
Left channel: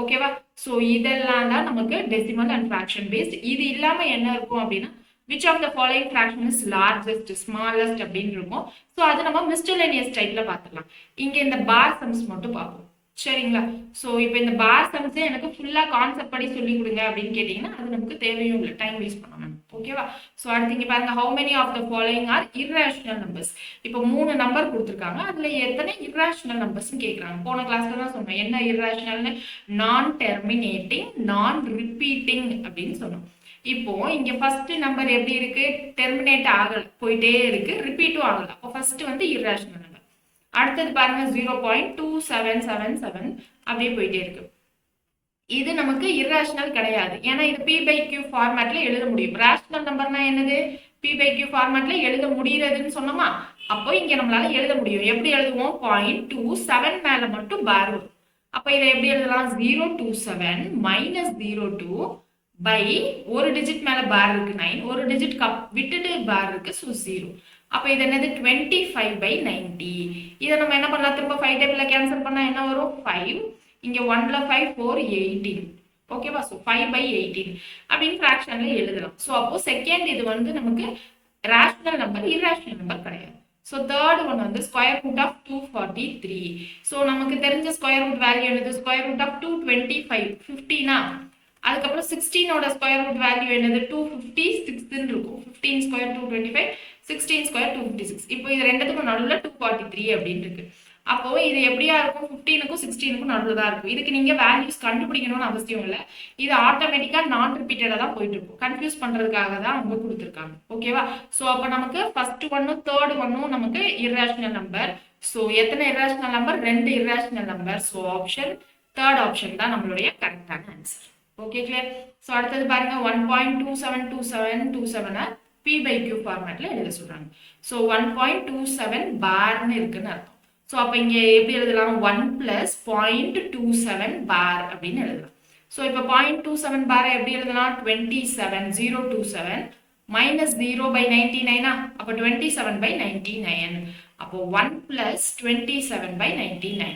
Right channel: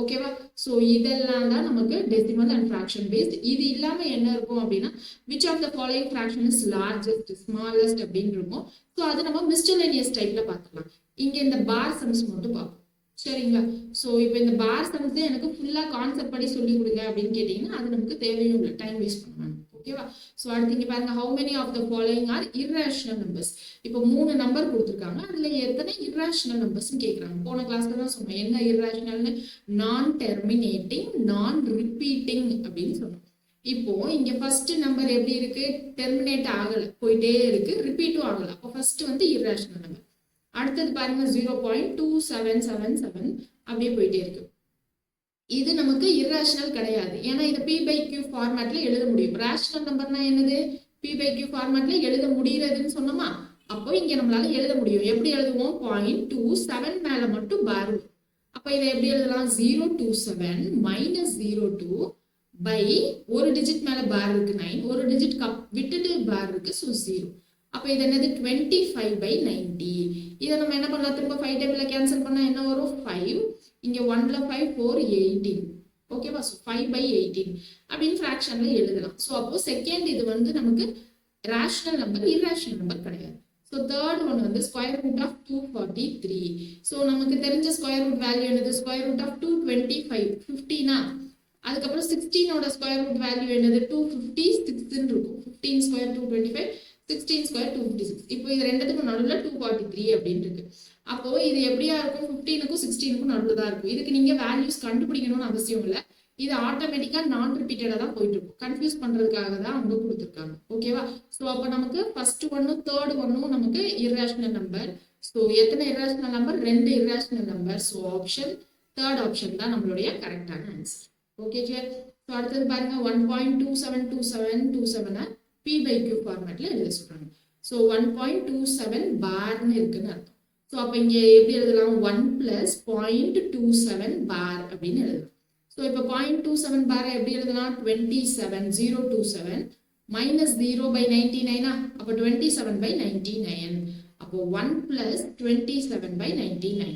ஓகேவா? ஸோ இதெல்லாம் தான் நமக்கு டெசிமல் அண்ட் ஃப்ராக்ஷன் பேஸ்ட். இது இல்லாம என்ன இருக்கும் அப்படின்னா which of the following fraction is largest smallest அப்படின்னு இருக்கும். ஸோ அது நம்ம மிஸ்டலேனியஸ் டைப்ல பார்த்துக்கலாம். இங்க இந்த பார் சம்ஸ் மட்டும் பார்ப்போம். சரிங்களா? ஸோ இப்போ இந்த பார் சம்ஸ் எனக்கு ஃபுல்லா கான்செப்ட் படி சொல்லி கொடுங்க அப்படின்னு கேட்டீங்கன்னா அது நமக்கு தேவையும் இல்லை, டைம் வேஸ்ட் பண்ணணும். ஓகேவா? ஸோ அடுத்து இங்க பாருங்க, how many of the following are irrational numbers? இப்போ 3 நம்பர் கொடுத்துருக்காங்க, அதுல எத்தனை irrational numbers கேட்குறாங்க. போன கிளாஸ்ல தான் சொன்னோம் என்ன irrationalனு, நான் டெர்மினேட்டிங் நான் ரிப்பீட்டிங் அப்படின்னு சொன்னோம். இப்போ இங்க ஃபர்ஸ்ட் நம்பர் எப்படி இருக்கு, டெர்மினேட் ஆகல, போயிட்டே இருக்கு, ரிப்பீட்டும் ஆகல. அப்போ ஃபர்ஸ்ட் வந்து irrational நம்பர். அடுத்தது பாருங்க 0.2777 அப்படியே போயிட்டே இருக்கு. இது நமக்கு irrational கிடையாது, ஏன்னா இது p by q ஃபார்மேட்ல எழுத முடியும். ரேஷனல் நம்பர்னா என்னது, p by q ஃபார்மேட்ல எழுத முடியறதுன்னு சொன்னோமா, அப்போ இங்க நம்மளால எழுத முடியும். எப்படி எழுதுவோம், 0.27 மேல மட்டும் பார் வரும். அப்ப இதை எப்படி எழுதலாம், 027 minus 02 by ஒரு டிஜிட் மேல பார் இருக்கு 9, ஒரு டிஜிட் விட்டுட்டு பார் இருக்கு, ஸோ 0. அப்ப இது என்னது 25/90. இதை நம்ம என்ன பண்ணலாம், திரும்ப 5 டேபிள்ல கேன்சல் பண்ணா என்ன வரும், 5, இங்க 1ல 5 4 18. ஓகேவா? ஸோ 5/18 அப்படின்னு ஃபிராக்ஷன்ல எழுதலாம். ஸோ அப்போ செகண்ட் இது வந்து நமக்கு ரேஷனல் நம்பர், irrational நம்பர் கிடையாது. ஸோ தேர்ட் ஒன் வந்து ஸ்கொயர் ரூட் ஆஃப் 243. ஸோ நமக்கு தெரிஞ்ச ஸ்கொயர் ரூட் வேல்யூ என்னது, ஸ்கொயர் ரூட் ஆஃப் 225 15னா, அதுக்கப்புறம் 16ஓட ஸ்கொயர் ரூட் வேல்யூ என்னது, 256 இருக்கும். 15 ஸ்கொயர் 225, 16 ஸ்கொயர் 256. இப்போ இது ரெண்டுத்துக்கும் நடுவில் 243 அப்படின்னு இருக்கு. அப்போ இது எப்படியா இருக்கும், 15க்கும் 16க்கும் நடுவில் தான் இருக்கும். இதுக்கு நீங்க வேல்யூஸ் கண்டுபிடிக்கணும்னு அவசியம் இல்லை, இது ஆட்டோமேட்டிக்கா நான் ரிப்பீட்டடா தான் போயிட்டு இருக்கும். கன்ஃபியூஸ் பண்றதுக்காக தான் அவங்க கொடுத்துருக்காங்க. ஓகேவா? ஸோ அப்போ நமக்கு ஃபர்ஸ்ட் ஒன்னும் தேர்ட் ஒன்னும் நமக்கு irrational நம்பர். ஸோ எத்தனை irrational number, 2 irrational number. So option third option தான் நம்மளுடைய கரெக்டான ஆன்சர். Okay clear? ஸோ அடுத்தது பாருங்க 1.272727 p by q ஃபார்மேட்ல எழுத சொல்றாங்க. ஸோ 1.27 பார்னு இருக்குன்னு அர்த்தம். ஸோ அப்போ இங்கே எப்படி எழுதலாம், 1 plus 0.27 பார் அப்படின்னு எழுதலாம். ஸோ இப்போ 0.27 பாரை எப்படி எழுதலாம், 27 minus 0/99. அப்போ 27/99. அப்போ 1 plus 27/99.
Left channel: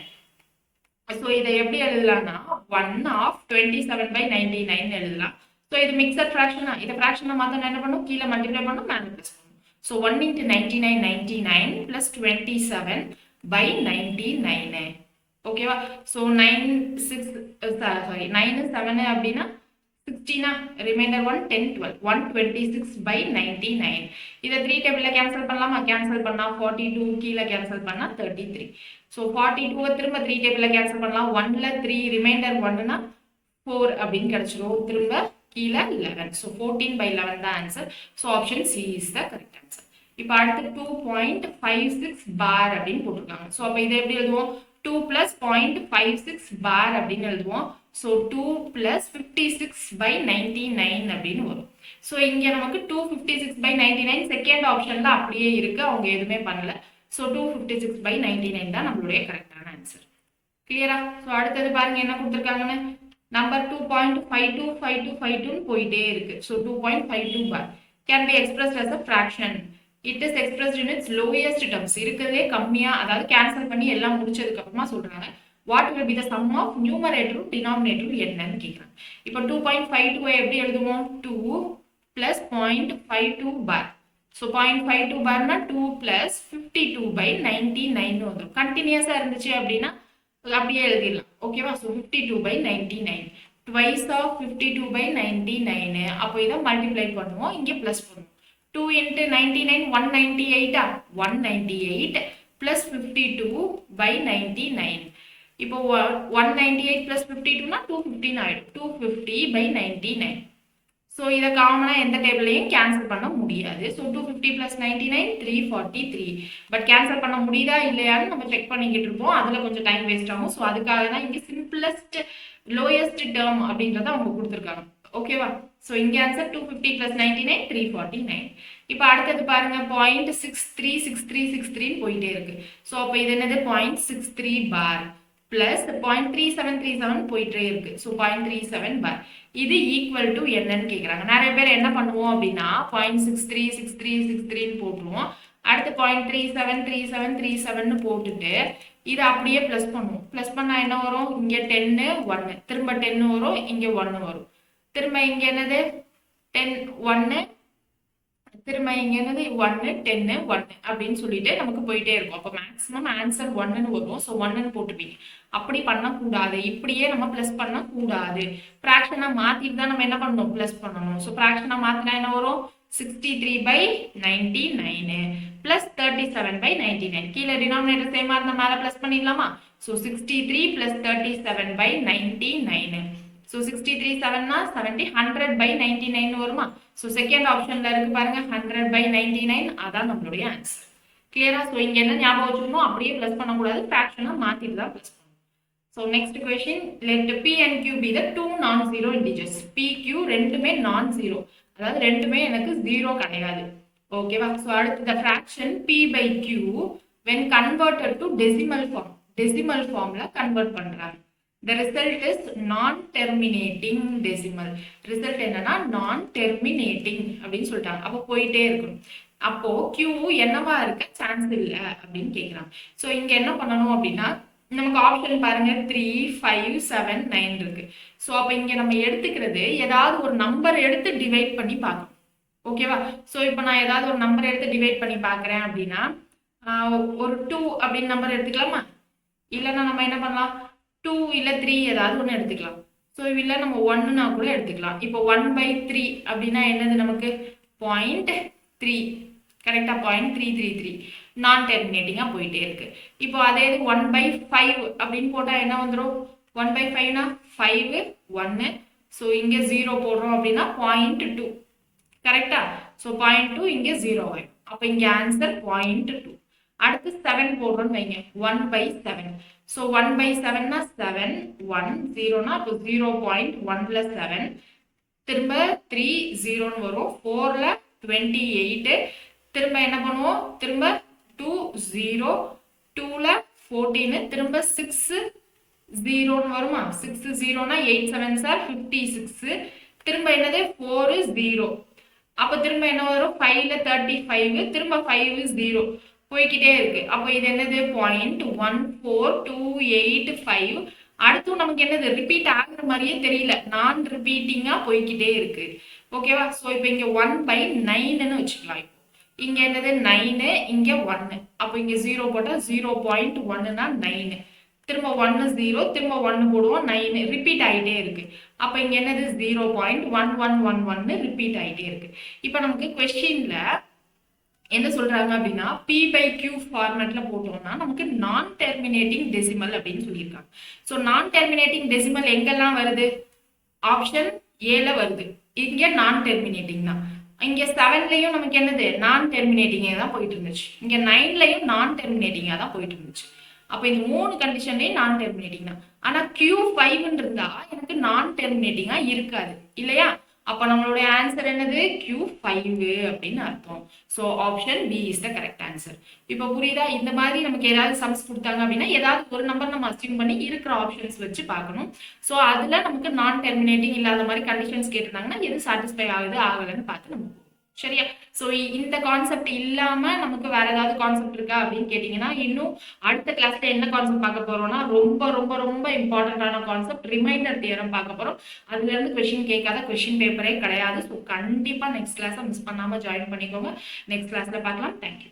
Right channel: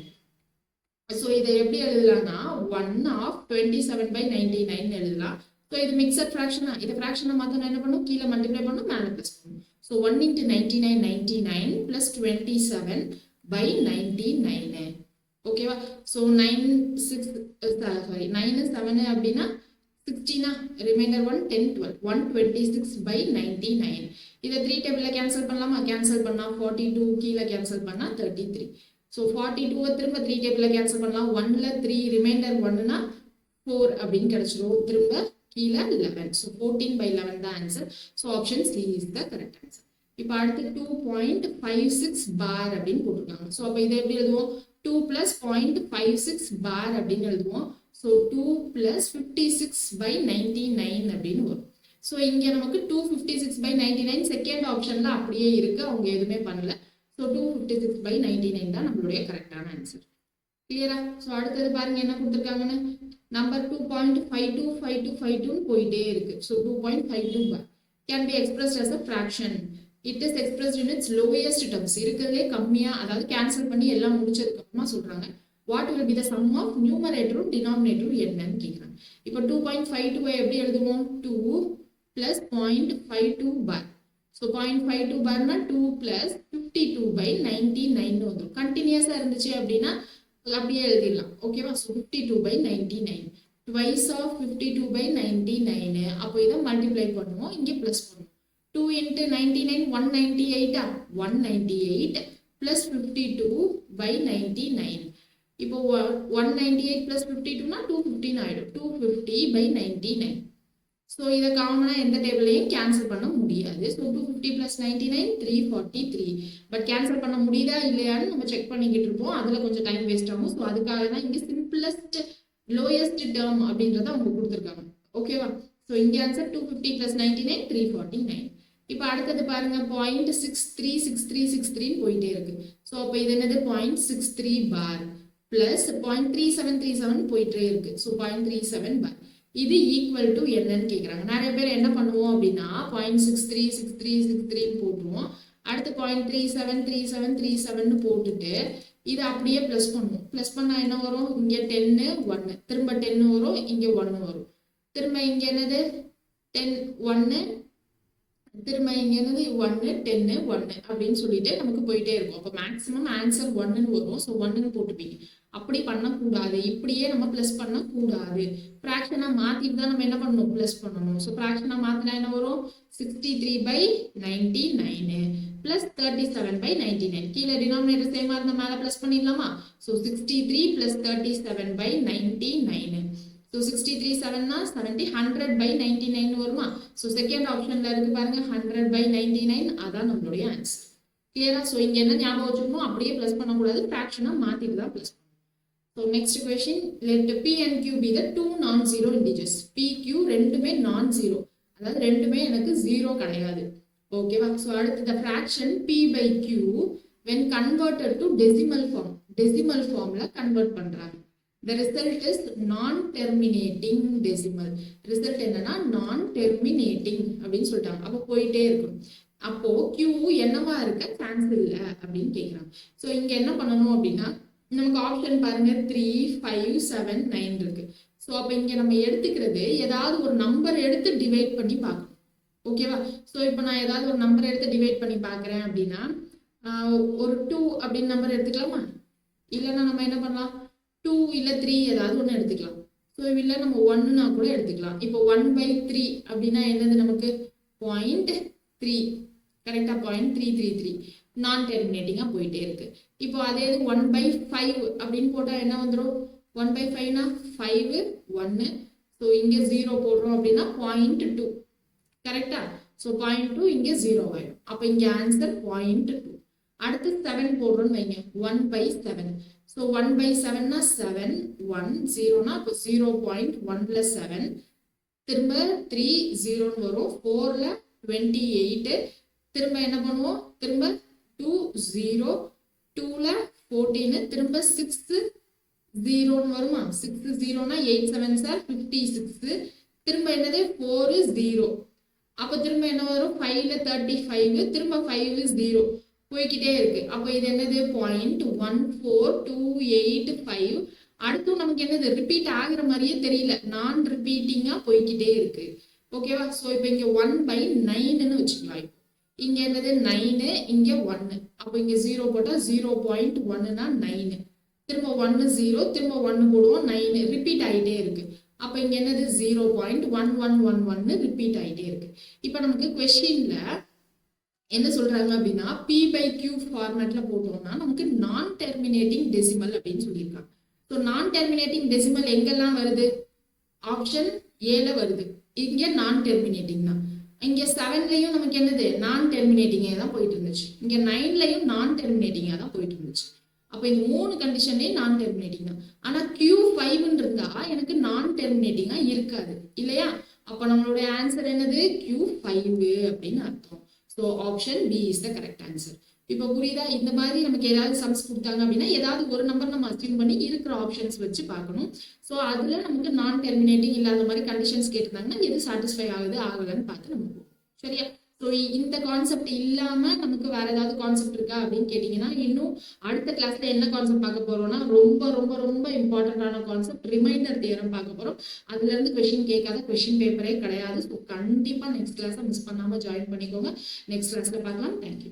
ஸோ இதை எப்படி எழுதலாம்னா 1 of 27/99 எழுதலாம். ஸோ இது மிக்சட் ஃப்ராக்ஷனா, இதை ஃப்ராக்ஷனை மாற்ற என்ன பண்ணும், கீழே மல்டிப்ளை பண்ணும், மேலே ப்ளஸ் பண்ணும். So 1 into 99 99 plus 27/99. ஓகேவா? ஸோ 9 7 அப்படின்னா 16, ரிமைண்டர் 1 10 12 126/99. இதை 3 டேபிள்ல கேன்சல் பண்ணலாமா, கேன்சல் பண்ணா 42, கீழே கேன்சல் பண்ணா 33. ஸோ 42 திரும்ப 3 டேபிள்ல கேன்சல் பண்ணலாம், 1ல 3 ரிமைண்டர் 1னா 4 அப்படின்னு கிடைச்சிரும், திரும்ப கீழே 11. ஸோ 14/11 தான் answer. So option C is the correct answer. இப்போ அடுத்து 2.56 பார் அப்படின்னு போட்டிருக்காங்க. ஸோ அப்போ இதை எப்படி எழுதுவோம், 2 plus 0.56 பார் அப்படின்னு எழுதுவோம். ஸோ 2 plus 56/99 அப்படின்னு வரும். ஸோ இங்கே நமக்கு 256/99 செகண்ட் ஆப்ஷன்ல அப்படியே இருக்கு, அவங்க எதுவுமே பண்ணல. ஸோ 256/99 தான் நம்மளுடைய கரெக்டான ஆன்சர். கிளியரா? ஸோ அடுத்தது பாருங்க என்ன கொடுத்துருக்காங்கன்னு, நம்பர் 2.525252 போயிட்டே இருக்கு. So 2.52 bar can be expressed as a fraction. It is expressed in its lowest terms. இருக்கிறதே கம்மியா, அதாவது கேன்சல் பண்ணி எல்லாம் முடிச்சதுக்கு அப்புறமா சொல்றாங்க what will be the sum of நியூமரேட்டரும் டினாமினேட்டரும் என்னன்னு கேட்குறாங்க. இப்போ 2.52 எப்படி எழுதுவோம், 2 plus 0.52 பார். ஸோ 0.52 பார்னா 2 plus 52/99 வந்துடும். கண்டினியூஸா இருந்துச்சு அப்படின்னா அப்படியே எழுதிடலாம். ஓகேவா? So 52/99 twice of 52/99. அப்போ இதை மல்டிப்ளை பண்ணுவோம், இங்கே பிளஸ் பண்ணுவோம். 2 into 99 198. 198 plus 52/99. இப்போ 198 plus 52னா 215 ஆயிடும். 250/99. ஸோ இதை காமனா எந்த டேபிளையும் கேன்சல் பண்ண முடியாது. So 250 plus 99 343. பட் கேன்சல் பண்ண முடியுதா இல்லையான்னு நம்ம செக் பண்ணிக்கிட்டு இருப்போம், அதில் கொஞ்சம் டைம் வேஸ்ட் ஆகும். ஸோ அதுக்காக தான் இங்கே சிம்பிளஸ்ட் லோயஸ்ட் டேர்ம் அப்படின்றத அவங்க கொடுத்துருக்காங்க. ஓகேவா? ஸோ இங்கே ஆன்சர் 250 plus 99 349. இப்போ அடுத்தது பாருங்க 0.636363 போயிட்டே இருக்கு. ஸோ அப்போ இது என்னது 0.63 பார் பிளஸ் 0.3737 போயிட்டே இருக்கு. ஸோ 0.37 பார் இது ஈக்குவல் டு என்னன்னு கேட்குறாங்க. நிறைய பேர் என்ன பண்ணுவோம் அப்படின்னா 0.636363 போட்டுருவோம், அடுத்து 0.373737 போட்டுட்டு இதை அப்படியே பிளஸ் பண்ணுவோம். பிளஸ் பண்ணா என்ன வரும், இங்கே 10 1 திரும்ப 10 வரும், இங்கே 1 வரும், திரும்ப இங்கே என்னது 10 1 திரும்ப இங்க என்னது 1 10 1 அப்படின்னு சொல்லிட்டு நமக்கு போயிட்டே இருக்கும். அப்போ மேக்ஸிமம் ஆன்சர் 1ன்னு வரும். ஸோ 1ன்னு போட்டுப்பீங்க. அப்படி பண்ணக்கூடாது. இப்படியே நம்ம ப்ளஸ் பண்ணக்கூடாது. ஃப்ராக்ஷனா மாத்திட்டு தான் நம்ம என்ன பண்ணணும், ப்ளஸ் பண்ணணும். ஸோ ஃப்ராக்ஷனா மாத்தினா என்ன வரும், 63/99 பிளஸ் 37/99. கீழே டினாமினேட்டர் சேமா இருந்தா மேல பிளஸ் பண்ணிடலாமா? So 63 plus 37/99. ஸோ 63 7னா 70 100/99 வருமா? ஸோ செகண்ட் ஆப்ஷன்ல இருக்கு பாருங்க 100/99. அதான் நம்மளுடைய ஆன்சர். கிளியரா? ஸோ இங்க என்ன ஞாபகம் வச்சுக்கணும், அப்படியே பிளஸ் பண்ணக்கூடாது, ஃப்ராக்ஷனா மாத்திட்டு தான் பிளஸ் பண்ணணும். So next question, let P and Q be the two non-zero integers. P, Q ரெண்டுமே non-zero, அதாவது ரெண்டுமே எனக்கு ஜீரோ கிடையாது. ஓகேவா? ஸோ அடுத்து the fraction P by Q when converted to decimal form. decimal formல கன்வெர்ட் பண்றாங்க. The result is non-terminating decimal. result என்னன்னா non-terminating அப்படின்னு சொல்லிட்டாங்க. அப்போ போயிட்டே இருக்கும். அப்போ Q என்னவா இருக்க சான்ஸ் இல்ல அப்படின்னு கேட்கிறாங்க. ஸோ இங்க என்ன பண்ணணும் அப்படின்னா, நமக்கு ஆப்ஷன் பாருங்க 3 5 7 9 இருக்கு. ஸோ அப்போ இங்க நம்ம எடுத்துக்கிறது ஏதாவது ஒரு நம்பர் எடுத்து டிவைட் பண்ணி பார்க்கணும். ஓகேவா? ஸோ இப்போ நான் ஏதாவது ஒரு நம்பர் எடுத்து டிவைட் பண்ணி பார்க்குறேன் அப்படின்னா, ஒரு 2 அப்படின்னு நம்பர் எடுத்துக்கலாமா? இல்லைன்னா நம்ம என்ன பண்ணலாம், 2 இல்லை 3 ஏதாவது ஒன்று எடுத்துக்கலாம். ஸோ இல்லை நம்ம 1னா கூட எடுத்துக்கலாம். இப்போ 1/3 அப்படின்னா என்னது, நமக்கு 0.3. கரெக்டாக 0.333 நான் டெர்மினேட்டிங்காக போயிட்டே இருக்கு. இப்போ அதே இது 1/5 அப்படின்னு போட்டால் என்ன வந்துடும், 1/5னா 5 1. ஸோ இங்கே 0 போடுறோம் அப்படின்னா 0.2. கரெக்டா? ஸோ 0.2 இங்கே 0 ஆயிடும். அப்போ இங்கே ஆன்சர் 0.2. அடுத்து 7 போடுறோம்னு வைங்க, 1/7. ஸோ 1/7னா 7 1 0னா அப்போ 0.1 + 7. திரும்ப 3 0ன்னு வரும். 4ல 28. திரும்ப என்ன பண்ணுவோம், திரும்ப 2 0 2ல 14. திரும்ப 6 0ன்னு வருமா? 6 0னா 8 7s are 56. திரும்ப என்னது 4 0. அப்போ திரும்ப என்ன வரும், 5ல 35. திரும்ப 5 0 போய்கிட்டே இருக்கு. அப்போ இது என்னது 0.14285. அடுத்து நமக்கு என்னது ரிப்பீட் ஆகுற மாதிரியே தெரியல, நான் ரிப்பீட்டிங்கா போய்கிட்டே இருக்கு. ஓகேவா? ஸோ இப்போ இங்க 1/9ன்னு வச்சுக்கலாம். இப்போ இங்க என்னது 9, இங்க 1. அப்போ இங்க 0 போட்டா 0.1னா 9. திரும்ப 1 0, திரும்ப 1 போடுவோம் 9. ரிப்பீட் ஆகிட்டே இருக்கு. அப்போ இங்க என்னது 0.1111 ரிப்பீட் ஆகிட்டே இருக்கு. இப்போ நமக்கு கொஸ்டின்ல என்ன சொல்றாங்க அப்படின்னா, P by Q ஃபார்மேட்ல போட்டோம்னா நமக்கு நான் டெர்மினேட்டிங் டெசிமல் அப்படின்னு சொல்லியிருக்காங்க. ஸோ நான் டெர்மினேட்டிங் டெசிமல் எங்கெல்லாம் வருது, ஆப்ஷன் ஏல வருது. இங்க நான் டெர்மினேட்டிங் தான். இங்க 7லயும் நமக்கு என்னது நான் டெர்மினேட்டிங்கா தான் போயிட்டு இருந்துச்சு. இங்க 9லயும் நான் டெர்மினேட்டிங்கா தான் போயிட்டு இருந்துச்சு. அப்போ இந்த 3 கண்டிஷன்லயும் நான் டெர்மினேட்டிங் தான். ஆனா Q5 இருந்தா எனக்கு நான் டெர்மினேட்டிங்கா இருக்காது இல்லையா? அப்போ நம்மளுடைய ஆன்சர் என்னது, Q5 அப்படின்னு அர்த்தம். So option B is the correct answer. இப்போ புரியுதா? இந்த மாதிரி நமக்கு ஏதாவது சம்ஸ் கொடுத்தாங்க அப்படின்னா ஏதாவது ஒரு நம்பர் நம்ம அஸ்யூம் பண்ணி இருக்கிற ஆப்ஷன்ஸ் வச்சு பார்க்கணும். ஸோ அதில் நமக்கு நான் டெர்மினேட்டிங் இல்லாத மாதிரி கண்டிஷன்ஸ் கேட்டிருந்தாங்கன்னா எது சாட்டிஸ்ஃபை ஆகுது ஆகலைன்னு பார்த்து நம்ம போகும். சரியா? ஸோ இந்த கான்செப்ட் இல்லாமல் நமக்கு வேற ஏதாவது கான்செப்ட் இருக்கா அப்படின்னு கேட்டிங்கன்னா, இன்னும் அடுத்த கிளாஸ்ல என்ன கான்செப்ட் பார்க்க போறோம்னா, ரொம்ப ரொம்ப ரொம்ப இம்பார்ட்டன்டான கான்செப்ட் ரிமைண்டர் தியரம் பார்க்க போறோம். அதுல இருந்து கொஸ்டின் கேட்காத கொஸ்டின் பேப்பரே கிடையாது. ஸோ கண்டிப்பா நெக்ஸ்ட் கிளாஸை மிஸ் பண்ணாம ஜாயின் பண்ணிக்கோங்க. நெக்ஸ்ட் கிளாஸ்ல பார்க்கலாம். தேங்க்யூ.